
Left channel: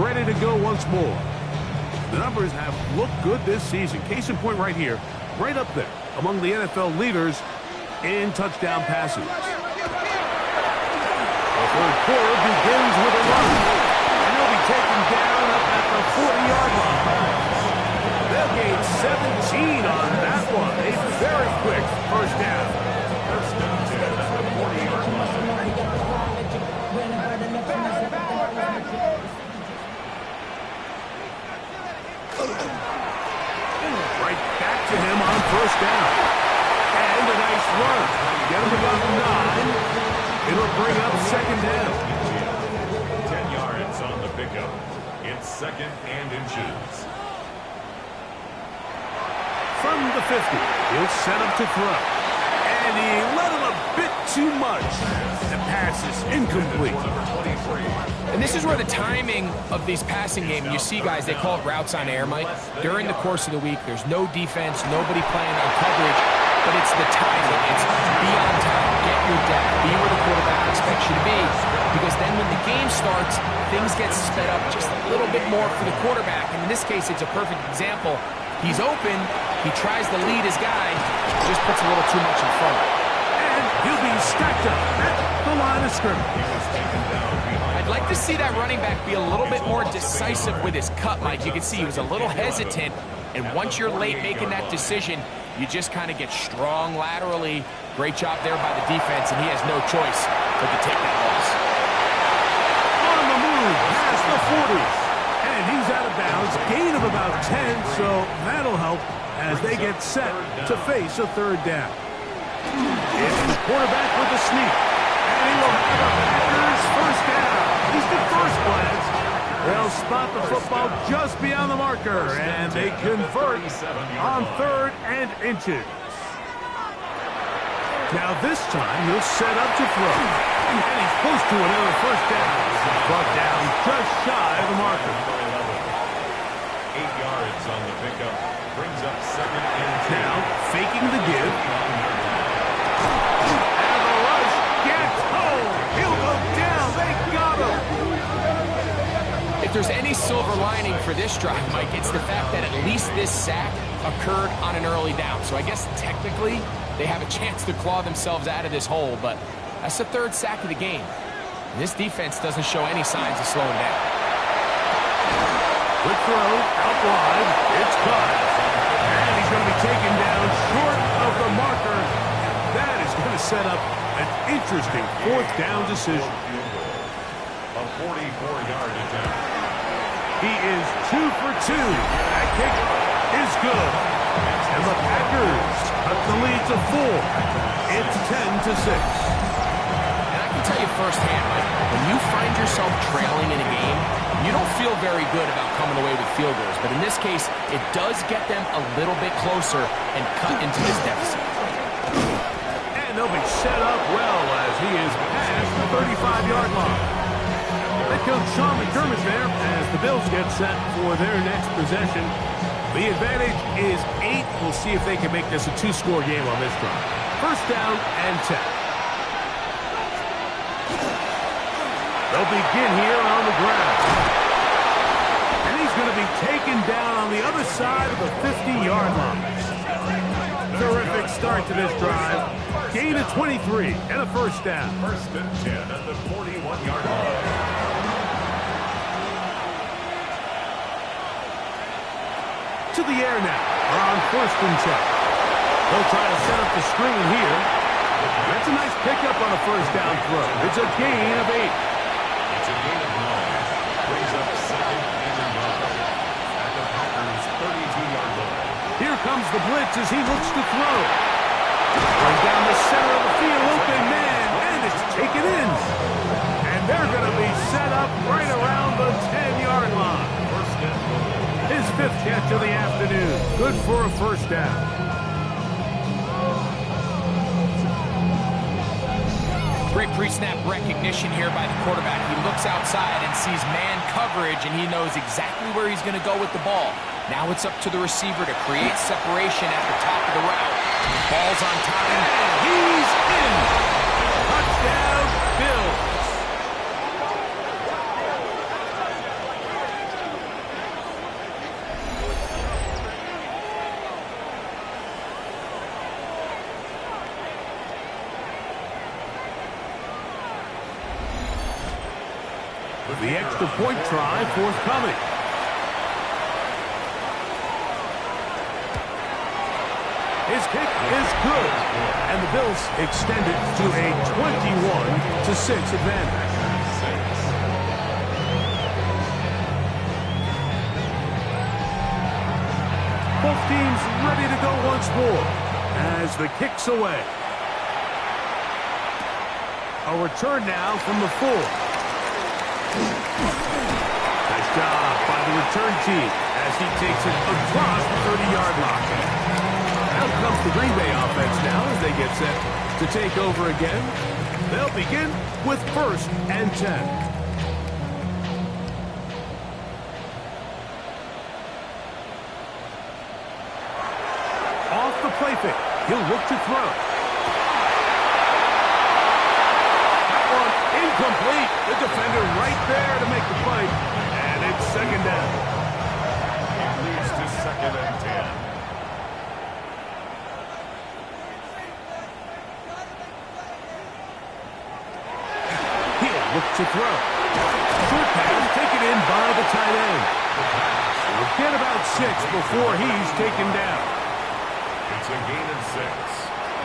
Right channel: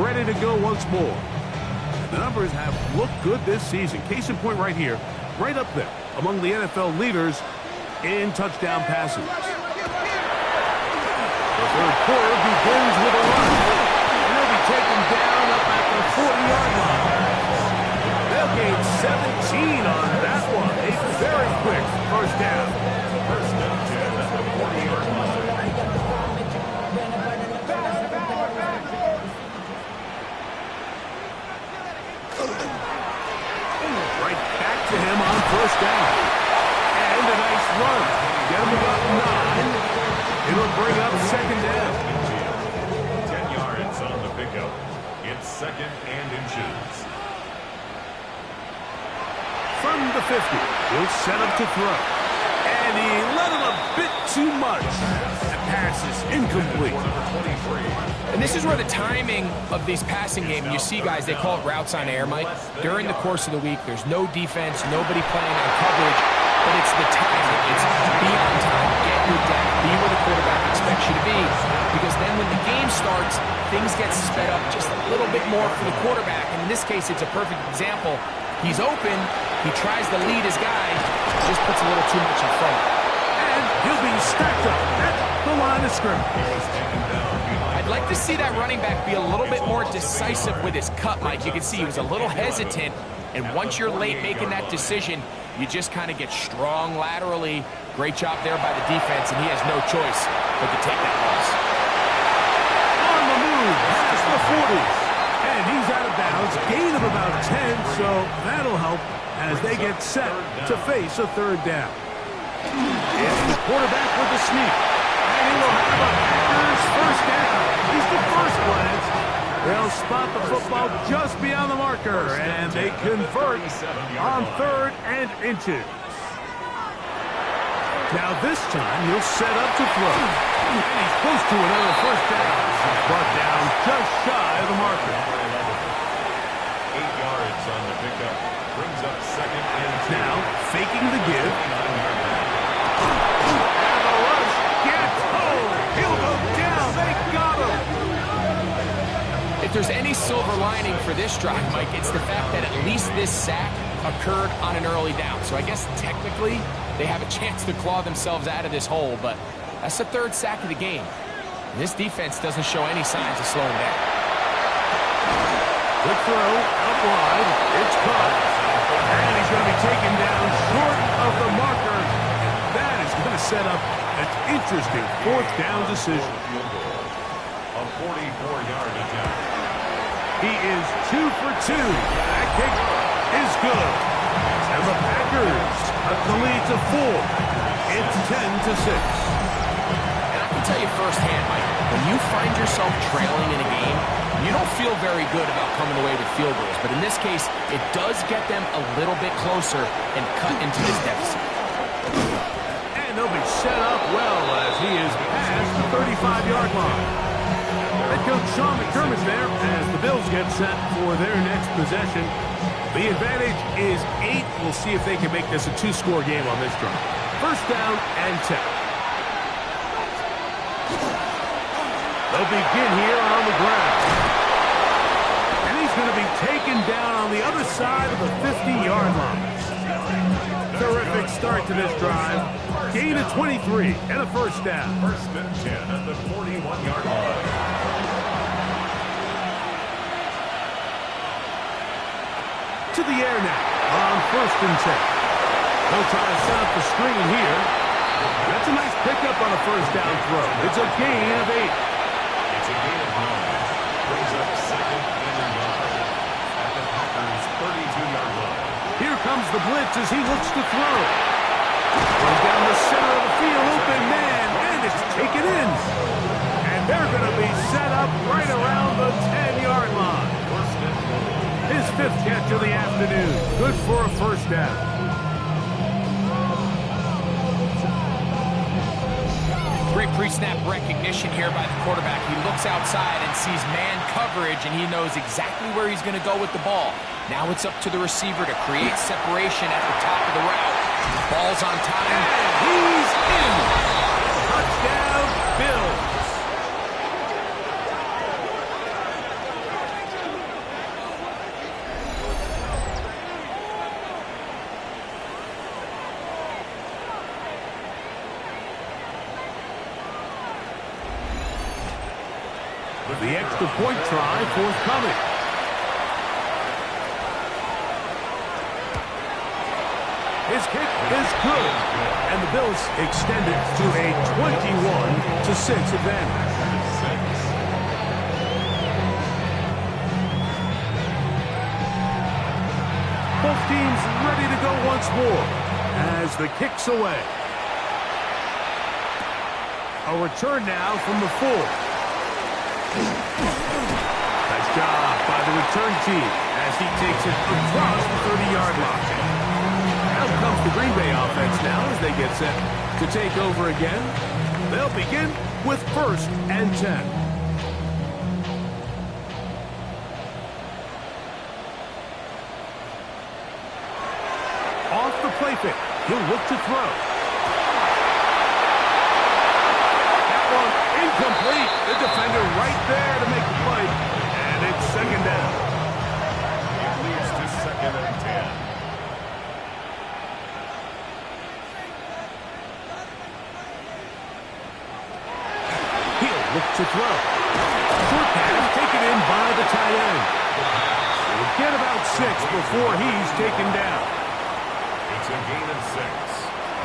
ready to go once more. And the numbers have looked good this season. Case in point right here, right up there among the NFL leaders in touchdown passes. The 3rd quarter begins with a run. And they'll be taken down up at the 40-yard line. They'll gain 17 on that one. A very quick first down. First down 10 at the 40-yard line. Right back to him on first down. And a nice run. Get him about 9. It'll bring up 2nd down. 10 yards on the pickup. It's 2nd and inches. From the 50, he'll set up to throw. And he let him a bit too much. The pass is incomplete. And this is where the timing of these passing game, you see guys, they call it routes on air, Mike. During the course of the week, there's no defense, nobody playing on coverage, but it's the timing. It's be on time, get your depth, be where the quarterback expects you to be, because then when the game starts, things get sped up just a little bit more for the quarterback. And in this case, it's a perfect example. He's open, he tries to lead his guy, just puts a little too much in front. And he'll be stacked up at the line of scrimmage. I'd like to see that running back be a little bit more decisive with his cut, Mike. You can see he was a little hesitant, and once you're late making that decision, you just kind of get strong laterally. Great job there by the defense, and he has no choice but to take that loss. On the move, past the 40s. And he's out of bounds, gain of about 10, so that'll help as they get set to face a 3rd down. It's the quarterback with the sneak, and he will have a Packers first down. At least at first glance, they'll spot the football just beyond the marker, and they convert on 3rd and inches. Now this time, he'll set up to throw, and he's close to another first down. Brought down just shy of the marker. 8 yards on the pickup. Brings up 2nd and 2. Now, faking the give. And the rush gets home. He'll go down. They got him. If there's any silver lining for this drive, Mike, it's the fact that at least this sack occurred on an early down. So I guess technically they have a chance to claw themselves out of this hole, but that's the 3rd sack of the game. And this defense doesn't show any signs of slowing down. Quick throw, out wide. It's caught. And he's going to be taken down short of the marker. And that is going to set up an interesting 4th down decision. A 44-yard attempt. He is 2 for 2. That kick is good. And the Packers cut the lead to 4. It's 10-6. And I can tell you firsthand, Mike, when you find yourself trailing in a game, you don't feel very good about coming away with field goals. But in this case, it does get them a little bit closer and cut into this deficit. And they'll be set up well as he is past the 35-yard line. Head coach Sean McDermott there as the Bills get set for their next possession. The advantage is 8. We'll see if they can make this a 2-score game on this drive. First down and 10. They'll begin here on the ground. And he's going to be taken down on the other side of the 50-yard line. Terrific start to this drive. Gain of 23 and a first down. First and 10 at the 41-yard line. To the air now on first and 10. They'll try to set up the screen here. That's a nice pickup on a first down throw. It's a gain of 8. It's a gain of 9. Brings up second and a yard at the Packers' 32-yard line. Here comes the blitz as he looks to throw. Going down the center of the field, open man, and it's taken in. And they're going to be set up right around the 10-yard line. First and goal. His 5th catch of the afternoon. Good for a first down. Great pre-snap recognition here by the quarterback. He looks outside and sees man coverage, and he knows exactly where he's going to go with the ball. Now it's up to the receiver to create separation at the top of the route. Ball's on time. And he's in. Touchdown, Bills. The extra point try forthcoming. His kick is good. And the Bills extend it to a 21-6 advantage. Both teams ready to go once more as the kick's away. A return now from the 4. Nice job by the return team as he takes it across the 30-yard line. Out comes the Green Bay offense now as they get set to take over again. They'll begin with first and 10. Off the play fake, he'll look to throw. Incomplete. The defender right there to make the play. And it's second down. It leads to second and 10. He'll look to throw. Short pass taken in by the tight end. He'll get about 6 before he's taken down. It's a gain of 6.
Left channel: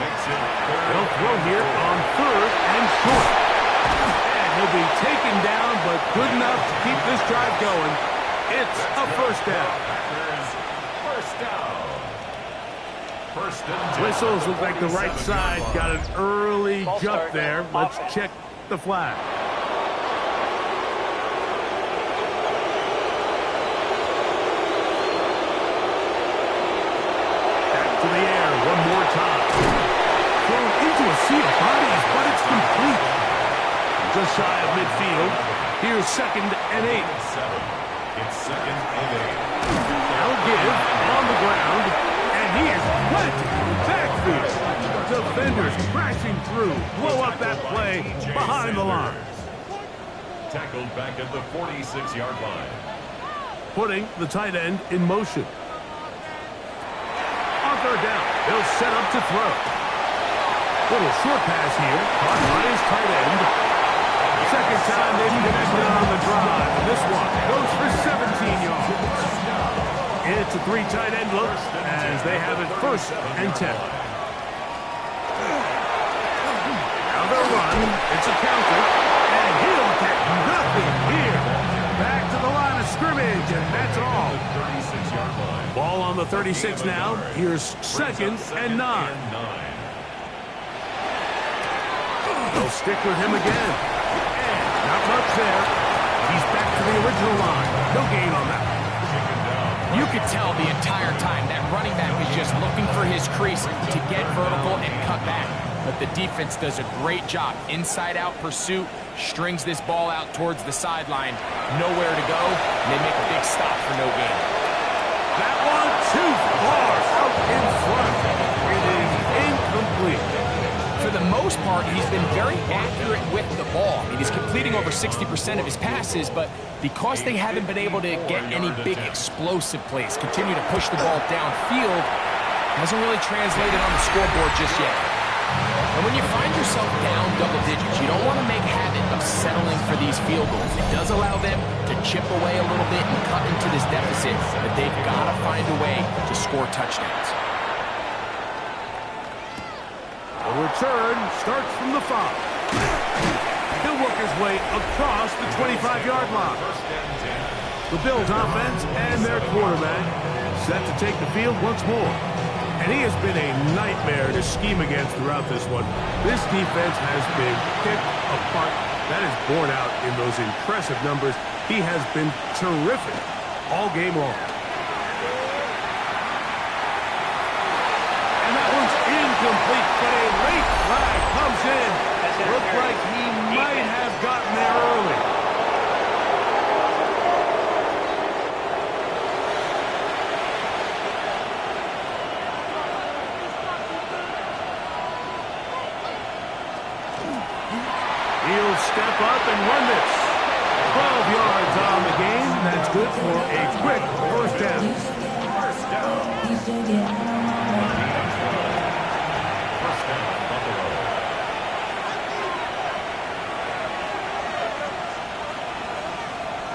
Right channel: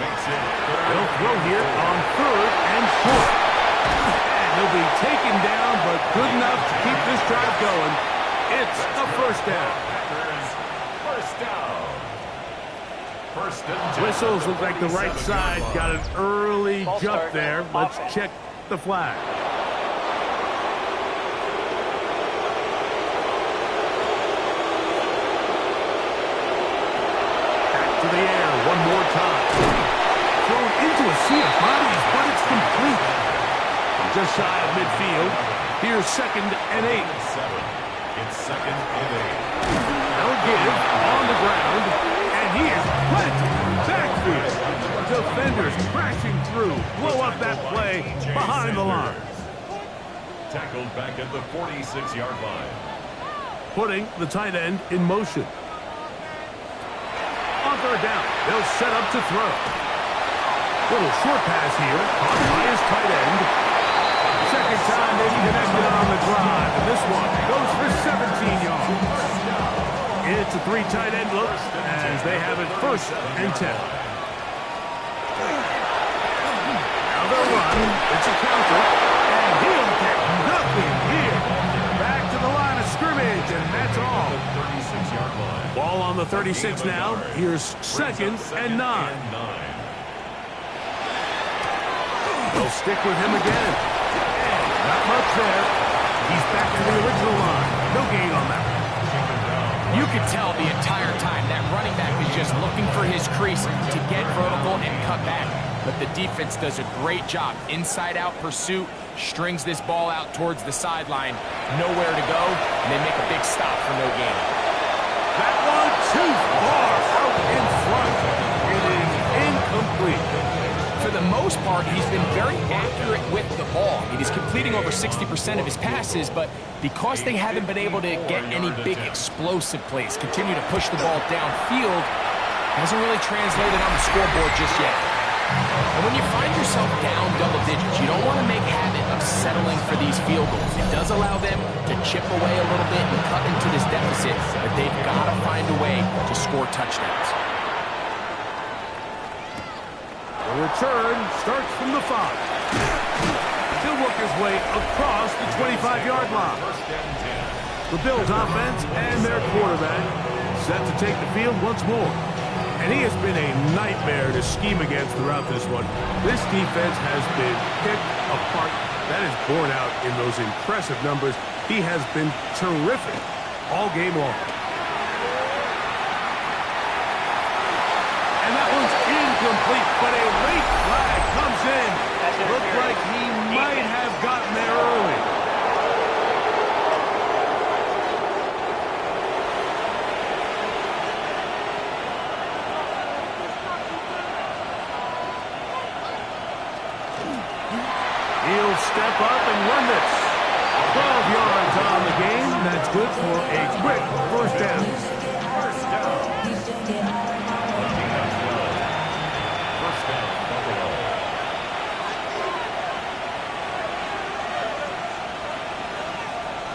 Makes it third. They'll throw here on third and short. And he'll be taken down, but good enough to keep this drive going. It's a first down. Packers, first down. First and 10. Whistles look like the right side got an early jump there. Let's check the flag. Back to the air one more time. Thrown into a sea of bodies, but it's complete. Just shy of midfield. Here's second and 8. It's second and 8. Now give on the ground, and he is planted backfield. Defenders crashing through. Blow up that play behind the line. Tackled back at the 46-yard line. Putting the tight end in motion. On third down, they'll set up to throw. Little short pass here, caught by his tight end. Second time they've connected on the drive, and this one goes for 17 yards. It's a 3 tight end look as they have it first and 10. Now they'll run. It's a counter, and he'll get nothing here. Back to the line of scrimmage, and that's all. 36-yard line. Ball on the 36 now. Here's 2nd and 9. They'll stick with him again. And not much there. He's back to the original line. No gain on that. You could tell the entire time that running back is just looking for his crease to get vertical and cut back. But the defense does a great job. Inside-out pursuit, strings this ball out towards the sideline. Nowhere to go, and they make a big stop for no gain. That one too far out in front. It is incomplete. For the most part, he's been very accurate with the ball. I mean, he's completing over 60% of his passes, but because they haven't been able to get any big explosive plays, continue to push the ball downfield, hasn't really translated on the scoreboard just yet. And when you find yourself down double digits, you don't want to make habit of settling for these field goals. It does allow them to chip away a little bit and cut into this deficit, but they've got to find a way to score touchdowns. The return starts from the 5. He'll work his way across the 25-yard line. The Bills offense and their quarterback set to take the field once more. And he has been a nightmare to scheme against throughout this one. This defense has been picked apart. That is borne out in those impressive numbers. He has been terrific all game long. And that one's incomplete, but a late flag comes in. Looked like he might have gotten there early. He'll step up and run this. 12 yards on the game. That's good for a quick first down. First down, Buffalo.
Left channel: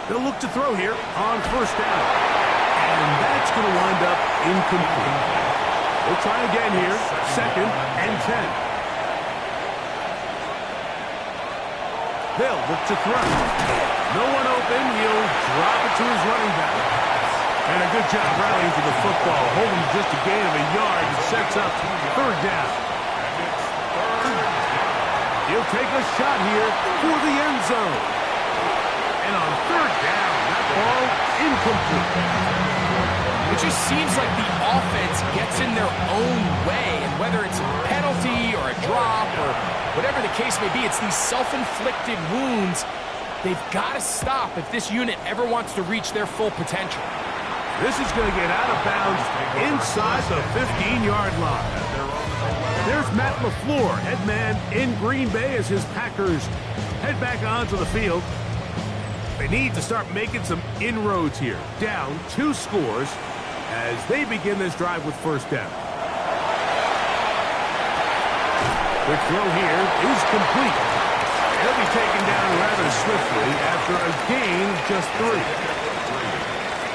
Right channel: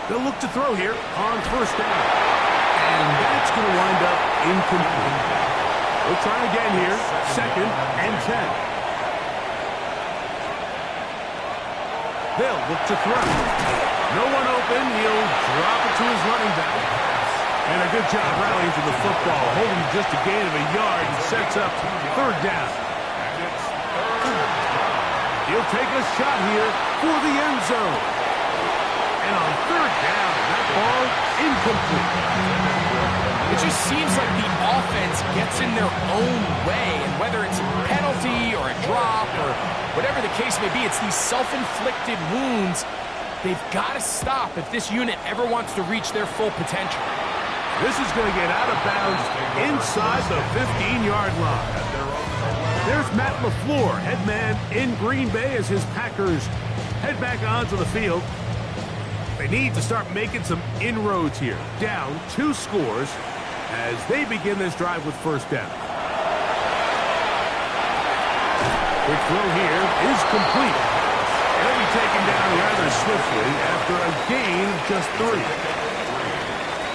They'll look to throw here on first down. And that's going to wind up incomplete. We'll try again here. 2nd and 10. They'll look to throw. No one open. He'll drop it to his running back. And a good job rallying to the football. Holding just a gain of a yard. It sets up 3rd down. And it's 3rd down. He'll take a shot here for the end zone. And on 3rd down, that ball incomplete. It just seems like the offense gets in their own way, and whether it's a penalty or a drop or whatever the case may be, it's these self-inflicted wounds they've got to stop if this unit ever wants to reach their full potential. This is going to get out of bounds inside the 15-yard line. There's Matt LaFleur, head man in Green Bay as his Packers head back onto the field. They need to start making some inroads here. Down 2 scores as they begin this drive with first down. Quick throw here is complete. It'll be taken down rather swiftly after a gain of just 3.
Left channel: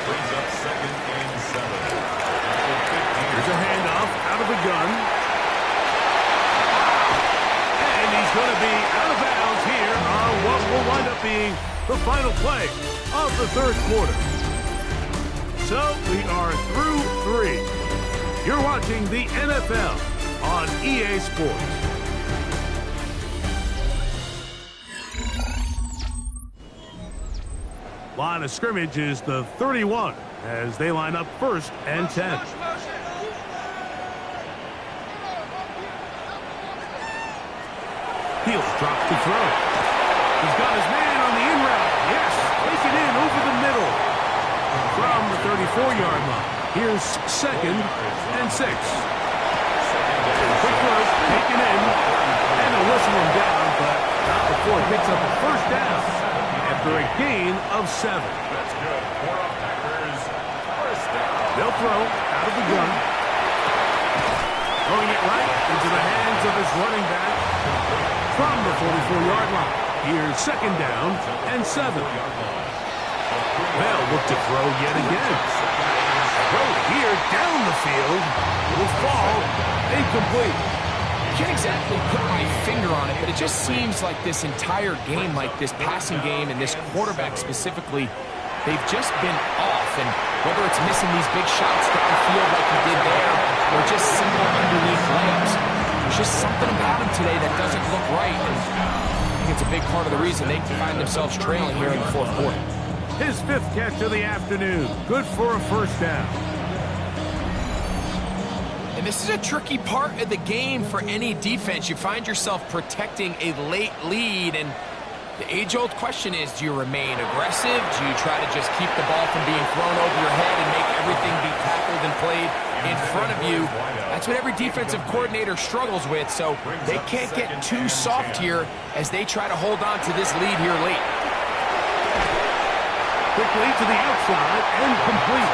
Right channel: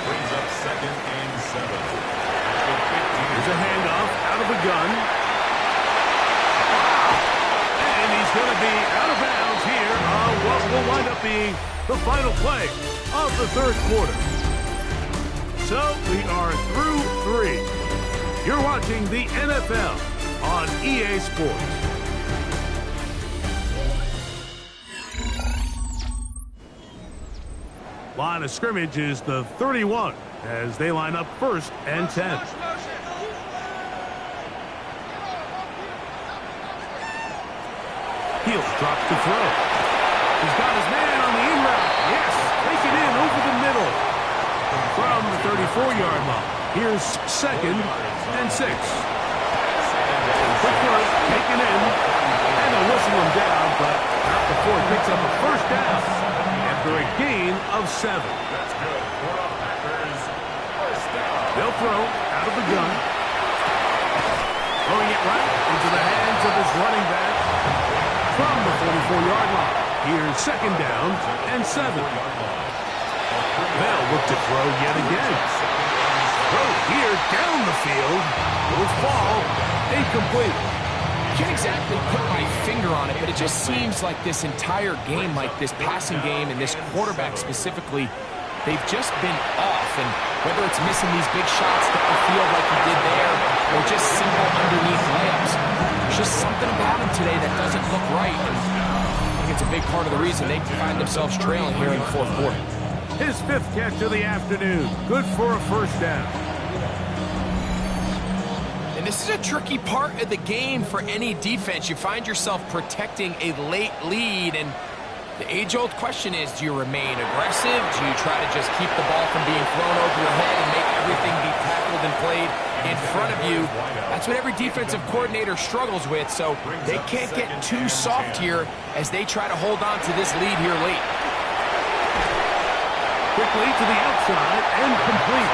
Brings up 2nd and 7. Here's a handoff out of the gun. And he's going to be out of bounds here on what will wind up being the final play of the 3rd quarter. So we are through 3. You're watching the NFL on EA Sports. Line of scrimmage is the 31 as they line up 1st and 10. Heel drops to throw. He's got his man on the in route. Yes, take it in over the middle from the 34-yard line. Here's 2nd and 6. Quick throw, taken in, and they'll whistle him down, but not before he picks up a first down after a gain of 7. That's good for the Packers. First down. They'll throw out of the gun. Throwing it right into the hands of his running back from the 44-yard line. Here's 2nd down and 7. They'll look to throw yet again. Throw here down the field. Will fall incomplete. Can't exactly put my finger on it, but it just seems like this entire game, like this passing game and this quarterback specifically, they've just been off. And whether it's missing these big shots downfield like he did there or just simple underneath layups, there's just something about him today that doesn't look right. And I think it's a big part of the reason they find themselves trailing here in the fourth quarter. His 5th catch of the afternoon. Good for a first down. And this is a tricky part of the game for any defense. You find yourself protecting a late lead, and the age-old question is, do you remain aggressive? Do you try to just keep the ball from being thrown over your head and make everything be tackled and played in front of you? That's what every defensive coordinator struggles with, so they can't get too soft here as they try to hold on to this lead here late. Quickly to the outside and complete.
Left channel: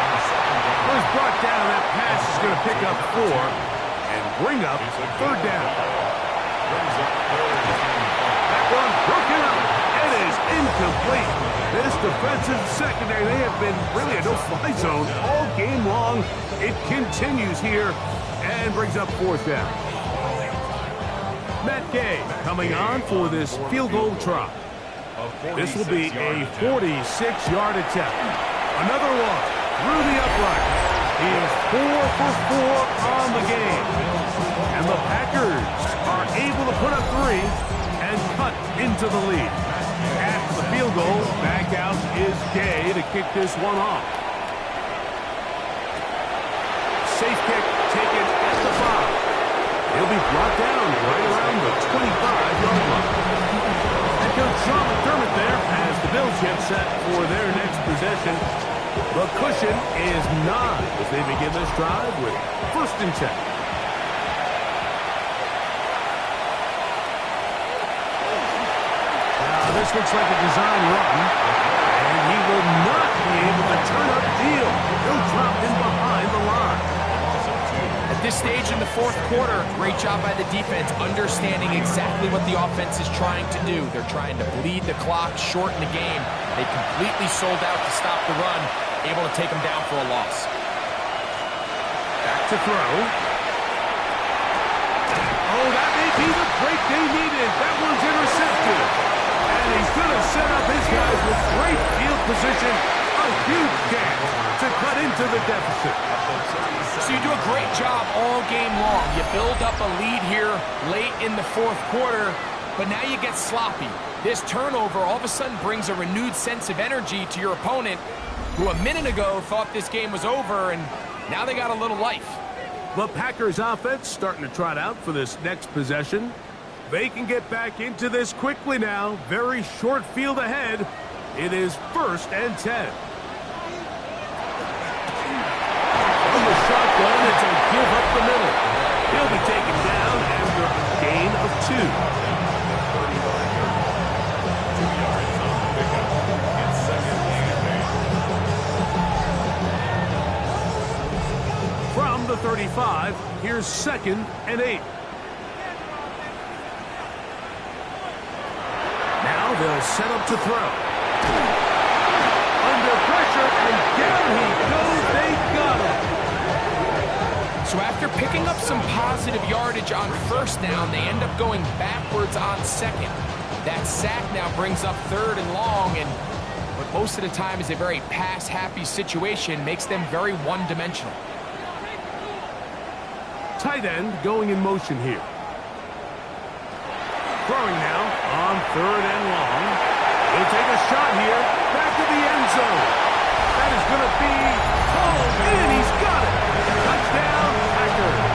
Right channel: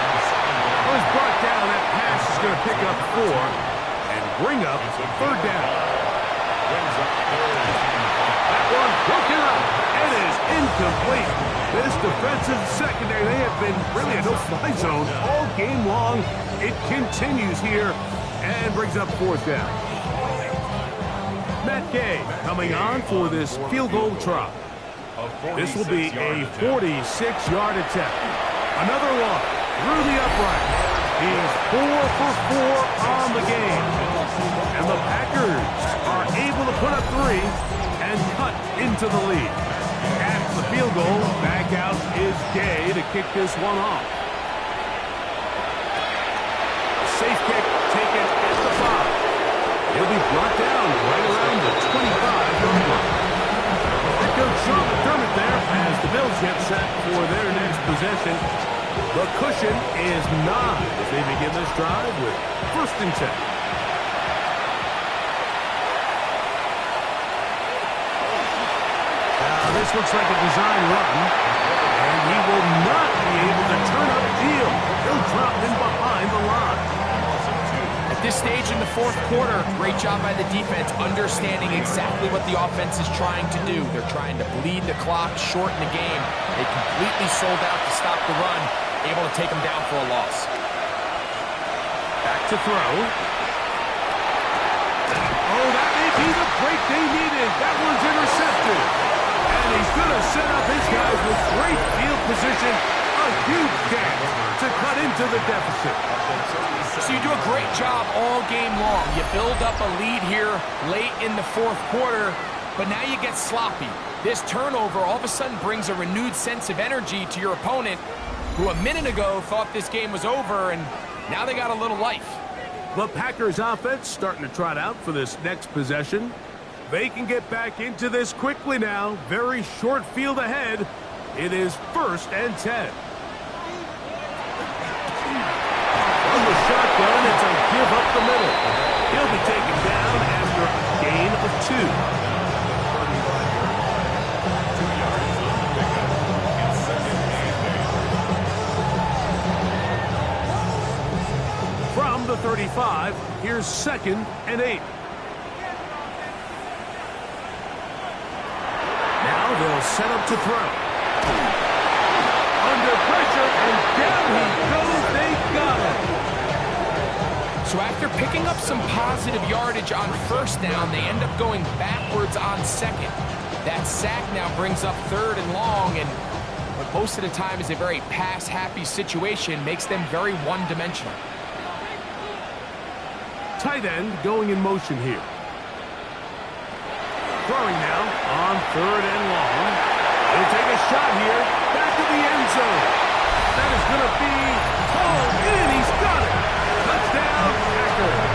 Was brought down. That pass is going to pick up 4 and bring up 3rd down. That one broken up. It is incomplete. This defensive secondary, they have been really a no-fly zone all game long. It continues here and brings up 4th down. Matt Gay coming on for this field goal try. This will be a 46-yard attempt. Another one through the upright. He's 4 for 4 on the game. And the Packers are able to put up 3 and cut into the lead. At the field goal, back out is Gay to kick this one off. Safe kick taken at the 5. He'll be brought down right around the 25-yard line. Coach Sean McDermott there as the Bills get set for their next possession. The cushion is 9 as they begin this drive with 1st and 10. Now this looks like a design run, and he will not be able to turn up field. He'll drop in behind the line. At this stage in the fourth quarter, great job by the defense understanding exactly what the offense is trying to do. They're trying to bleed the clock, shorten the game. They completely sold out to stop the run, able to take them down for a loss. Back to throw. Oh, that may be the break they needed. That one's intercepted. And he's going to set up his guys with great field position. A huge chance to cut into the deficit. So you do a great job all game long. You build up a lead here late in the fourth quarter, but now you get sloppy. This turnover all of a sudden brings a renewed sense of energy to your opponent, who a minute ago thought this game was over, and now they got a little life. The Packers offense starting to trot out for this next possession. They can get back into this quickly now. Very short field ahead. It is 1st and 10. From the shotgun, it's a give up the middle. He'll be taken down after a gain of 2. 2 yards on the pickup. It's 2nd and 8. From the 35, here's 2nd and 8. Now they'll set up to throw. Under pressure, and down he goes. They got him. So after picking up some positive yardage on 1st down, they end up going backwards on 2nd. That sack now brings up 3rd and long, and what most of the time is a very pass-happy situation makes them very one-dimensional. Tight end going in motion here. Throwing now on 3rd and long. He'll take a shot here. Back of the end zone. That is going to be pulled in. He's got it. Touchdown, Packers.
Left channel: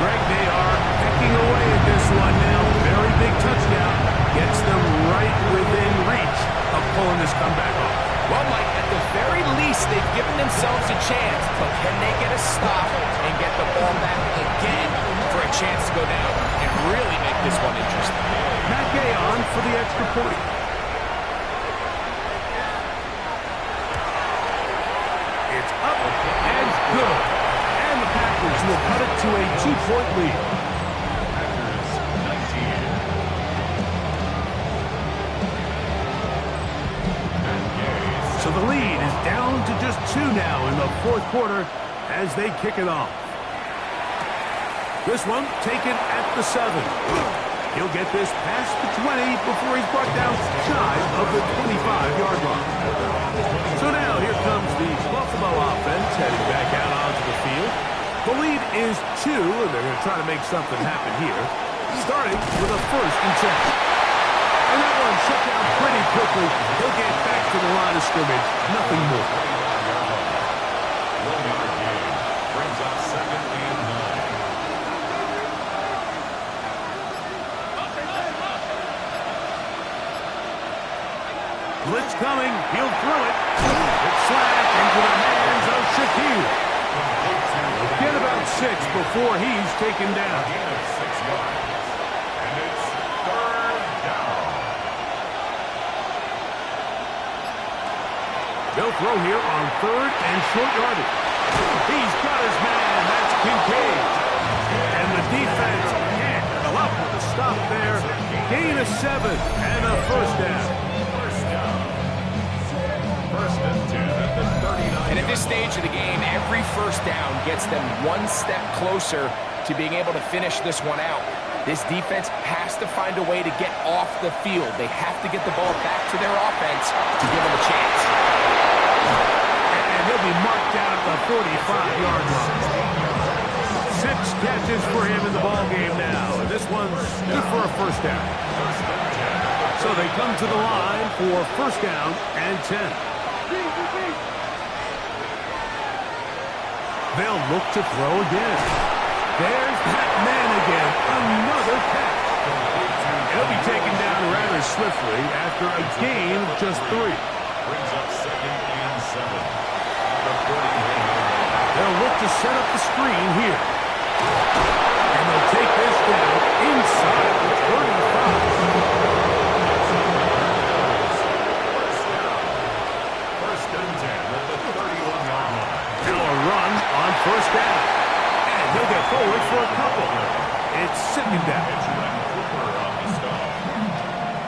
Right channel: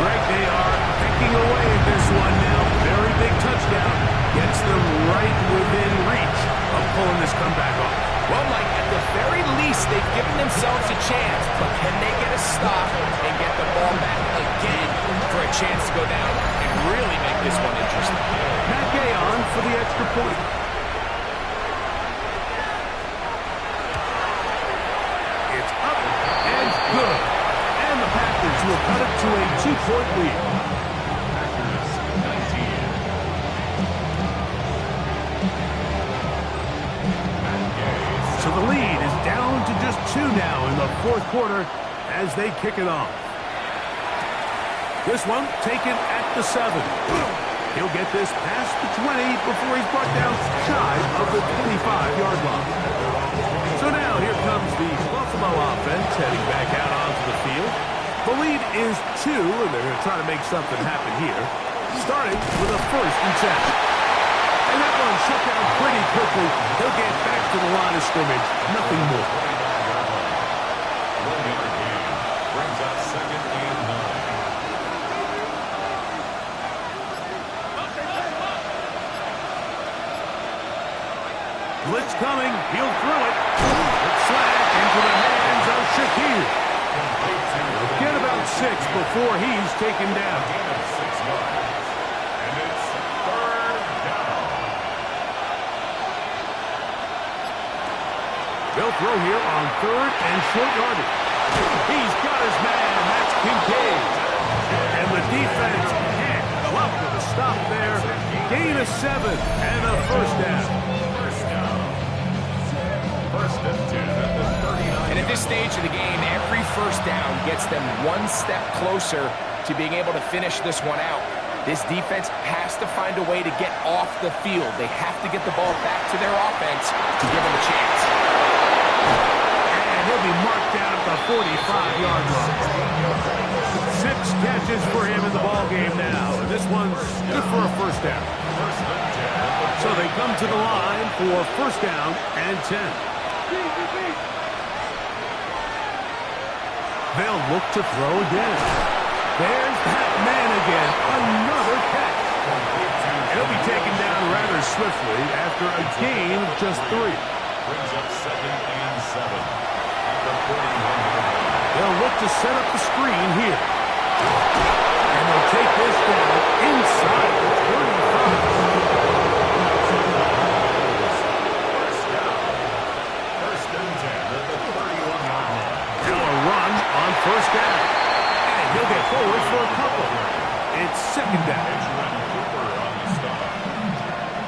Greg, they are pecking away at this one now. Very big touchdown. Gets them right within reach of pulling this comeback off. Well, Mike, at the very least, they've given themselves a chance, but can they get a stop and get the ball back again for a chance to go down and really make this one interesting? Matt Gay on for the extra point. It's up and good. And the Packers will cut it to a 2-point lead. Packers 19. So the lead is down to just 2 now in the fourth quarter as they kick it off. This one taken at the 7. He'll get this past the 20 before he's brought down shy of the 20 5-yard line. So now here comes the Buffalo offense heading back out onto the field. The lead is 2, and they're going to try to make something happen here, starting with a 1st and 10. And that one shut down pretty quickly. He'll get back to the line of scrimmage, nothing more. 1-yard gain brings up 2nd and 9. Blitz coming. He'll throw it. It's slack into the hands of Shakir. He'll get about 6 before he's taken down. A gain of 6 yards. And it's 3rd down. They'll throw here on 3rd and short yardage. He's got his man. That's Kincaid. And the defense can't go up with a stop there. Gain of 7 and a 1st down. 1st and 10 at the 39. And at this stage of the game, every 1st down gets them one step closer to being able to finish this one out. This defense has to find a way to get off the field. They have to get the ball back to their offense to give them a chance. And he'll be marked down at the 45-yard line. 6 catches for him in the ball game now. And this one's good for a 1st down. So they come to the line for 1st down and 10. They'll look to throw again. There's that man again. Another catch. He'll be taken down rather swiftly after a gain of just 3. Brings up 2nd and 7 at the 41-yard line. They'll look to set up the screen here. And they'll take this down inside the 35. On 1st down. And he'll get forward for a couple. It's 2nd down. It's Cooper on the stop.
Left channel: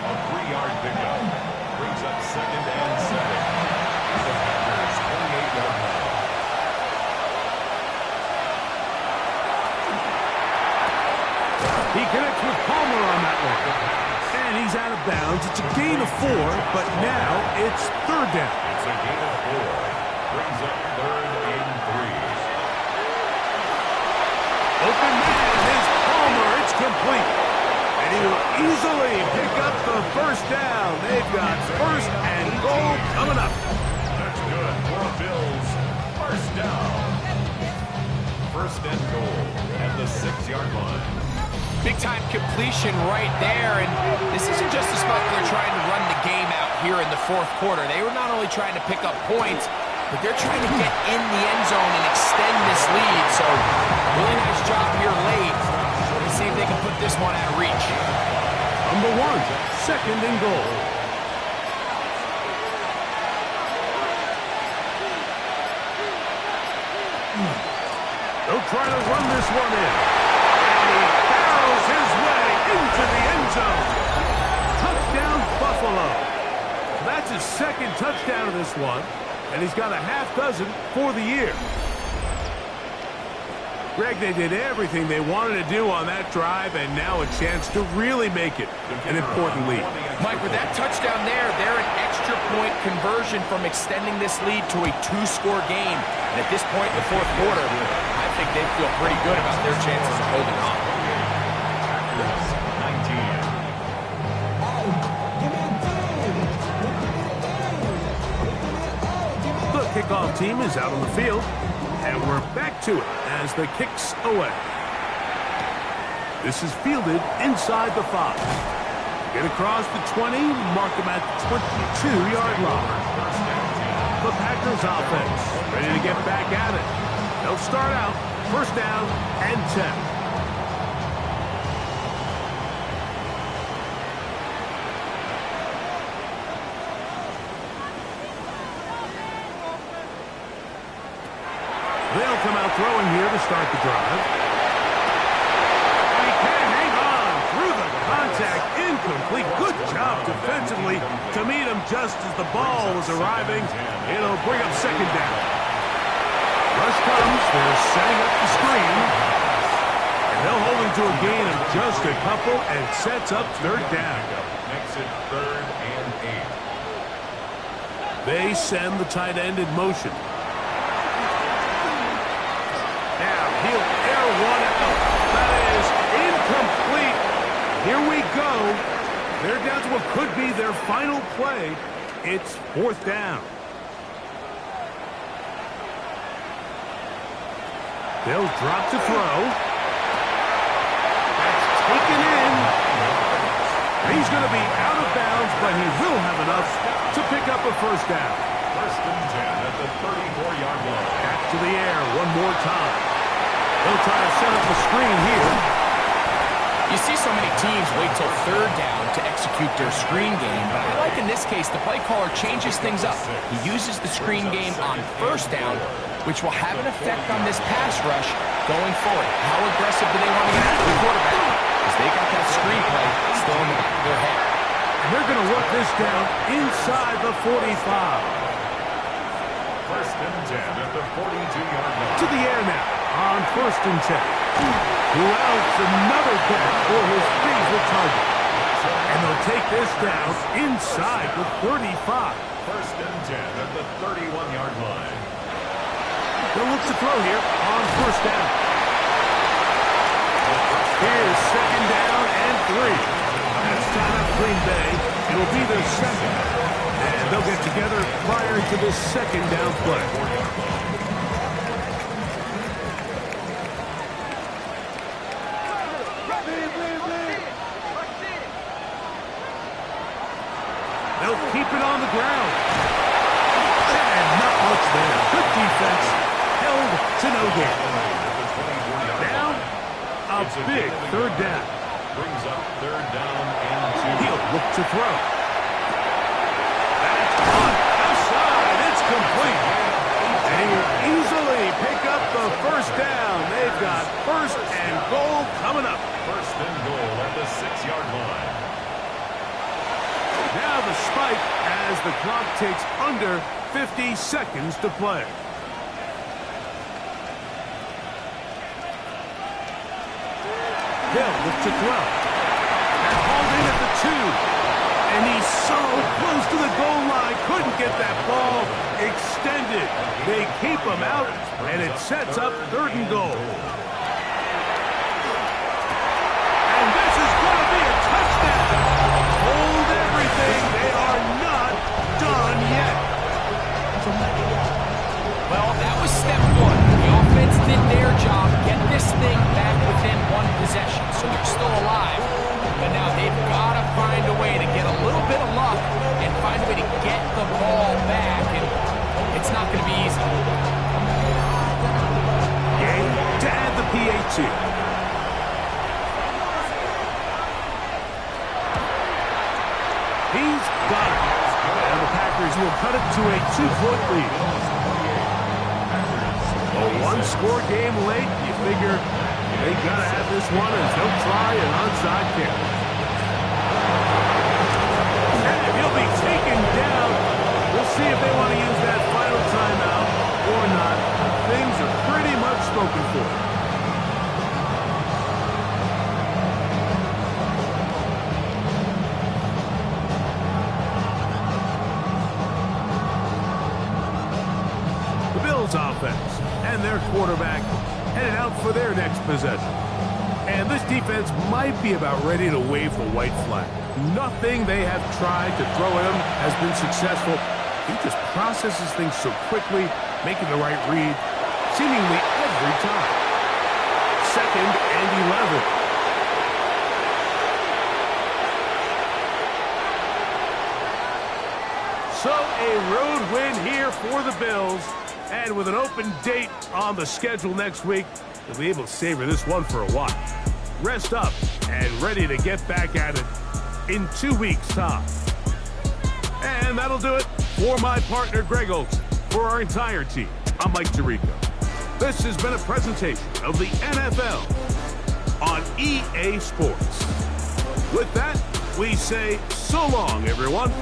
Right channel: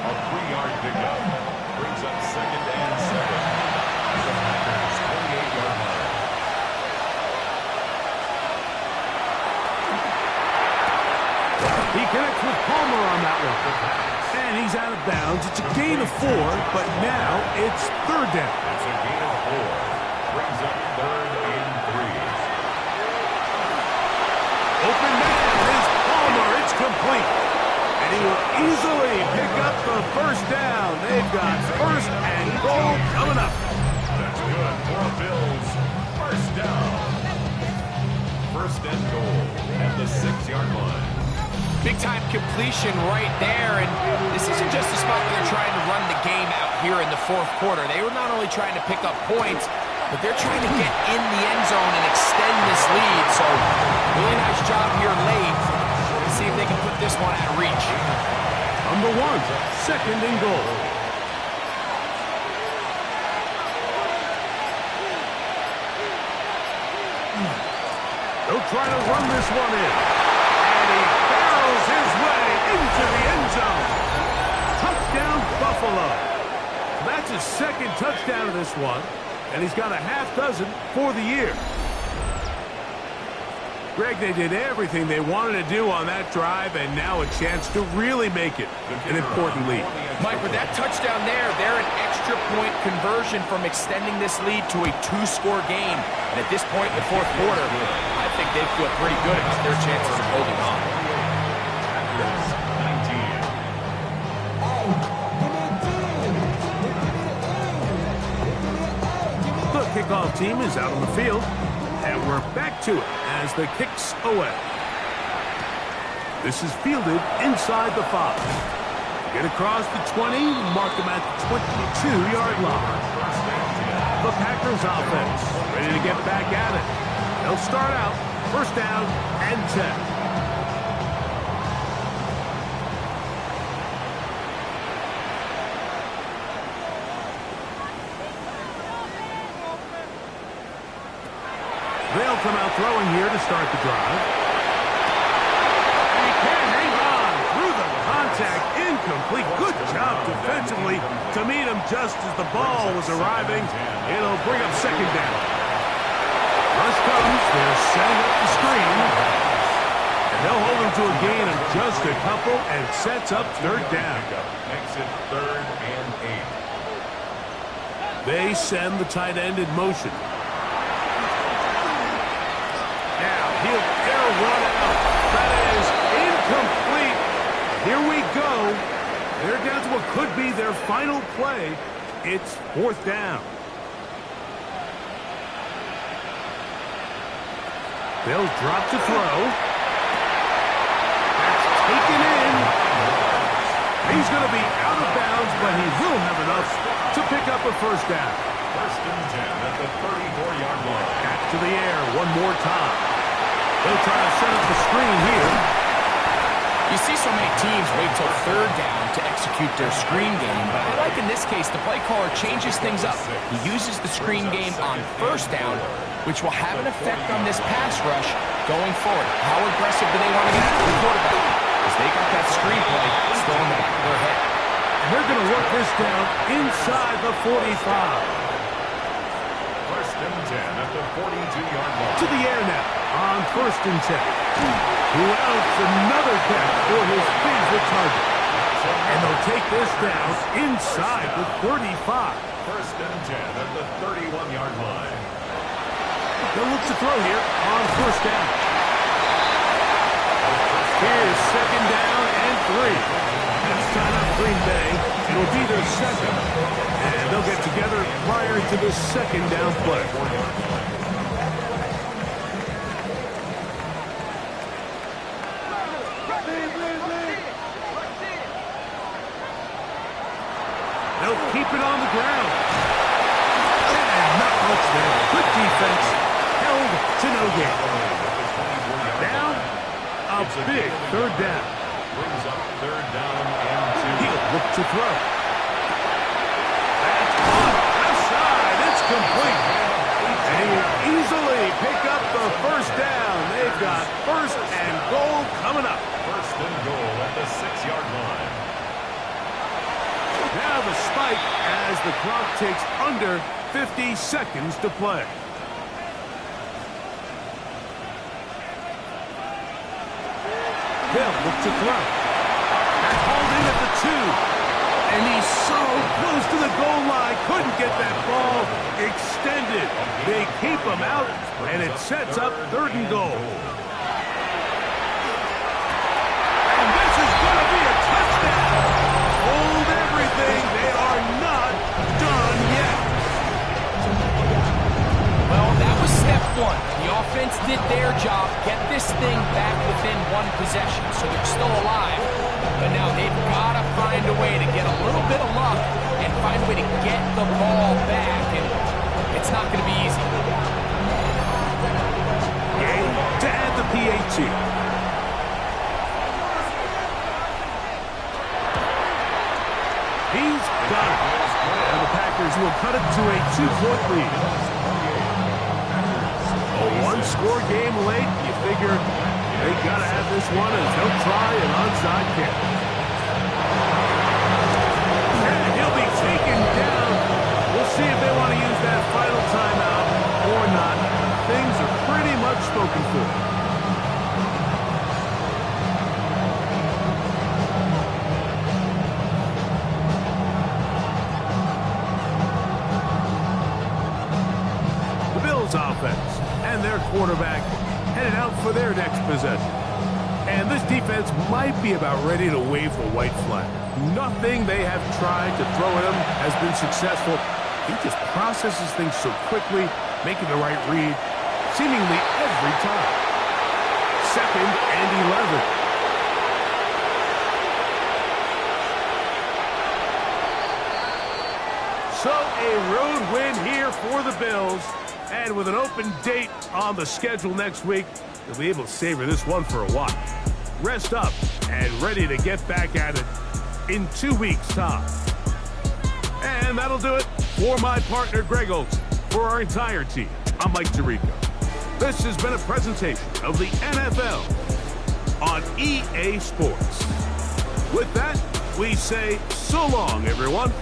A 3-yard pickup. Brings up 2nd and 7 at the Packers' 28-yard line. He connects with Palmer on that one. And he's out of bounds. It's a gain of 4, but now it's 3rd down. It's a gain of 4. Brings up 3rd and 3. Open man is Palmer. It's complete. And he will easily pick up the 1st down. They've got 1st and goal coming up. That's good for the Bills. 1st down. 1st and goal at the 6-yard line. Big-time completion right there, and this isn't just a spot where they're trying to run the game out here in the 4th quarter. They were not only trying to pick up points, but they're trying to get in the end zone and extend this lead. So, really nice job here late. Let's see if they can put this one out of reach. Number 1, 2nd and goal. They'll try to run this one in. And he barrels his way into the end zone. Touchdown, Buffalo. That's his 2nd touchdown of this one. And he's got a half dozen for the year. Greg, they did everything they wanted to do on that drive, and now a chance to really make it an important lead. Mike, with that touchdown there, they're an extra point conversion from extending this lead to a 2-score game. And at this point in the 4th quarter, I think they feel pretty good about their chances of holding on. Packers 19. The kickoff team is out on the field, and we're back to it as the kick's away. This is fielded inside the 5. Get across the 20, mark them at the 22-yard line. The Packers offense ready to get back at it. They'll start out 1st down and 10. They'll come out throwing here to start the drive. And he can't hang on through the contact. Incomplete. Good job defensively to meet him just as the ball was arriving. It'll bring up 2nd down. Rush comes. They're setting up the screen. And they'll hold him to a gain of just a couple and sets up 3rd down. Makes it 3rd and 8. They send the tight end in motion. Now he'll air one out. That is incomplete. Here we go. They're down to what could be their final play. It's 4th down. They'll drop to throw. That's taken in. He's going to be out of bounds, but he will have enough to pick up a 1st down. 1st and 10 at the 34-yard line. Back to the air one more time. They'll try to set up the screen here. You see so many teams wait till 3rd down to execute their screen game, but I like in this case the play caller changes things up. He uses the screen game on 1st down, which will have an effect on this pass rush going forward. How aggressive do they want to get after the quarterback? Because they got that screen play still in the back of their head. And they're going to work this down inside the 45. 1st and 10 at the 42-yard line. To the air now on 1st and 10. Who else? Another catch for his favorite target. And they'll take this down inside the 35. 1st and 10 at the 31-yard line. They'll look to throw here on 1st down. Here's 2nd down and 3. That's time out Green Bay. It'll be their 2nd. And they'll get together prior to the 2nd down play. They'll keep it on the ground. And not much there. Good defense. Held to no gain. Now, a big 3rd down. Brings up 3rd down and 2. He'll look to throw. That's on outside. It's complete. And he'll easily pick up the 1st down. They've got 1st and goal coming up. 1st and goal at the 6-yard line. Now the spike as the clock takes under 50 seconds to play. They'll look to throw. That's hauled in at the 2. And he's so close to the goal line. Couldn't get that ball extended. They keep him out, and it sets up 3rd and goal. And this is going to be a touchdown. Hold everything. They are not done yet. Well, that was step 1. The offense did their job, get this thing back within 1 possession, so they're still alive. But now they've got to find a way to get a little bit of luck and find a way to get the ball back, and it's not going to be easy. Game to add the PAT. He's got it. And the Packers will cut it to a 2-point lead. A 1-score game late. You figure they got to have this one as they'll try an onside kick. And he'll be taken down. We'll see if they want to use that final timeout or not. Things are pretty much spoken for. Offense and their quarterback headed out for their next possession. And this defense might be about ready to wave the white flag. Nothing they have tried to throw at him has been successful. He just processes things so quickly, making the right read seemingly every time. 2nd and 11. So a road win here for the Bills. And with an open date on the schedule next week, they'll be able to savor this one for a while. Rest up and ready to get back at it in 2 weeks' time. And that'll do it for my partner, Greg Olson. For our entire team, I'm Mike Tirico. This has been a presentation of the NFL on EA Sports. With that, we say so long, everyone.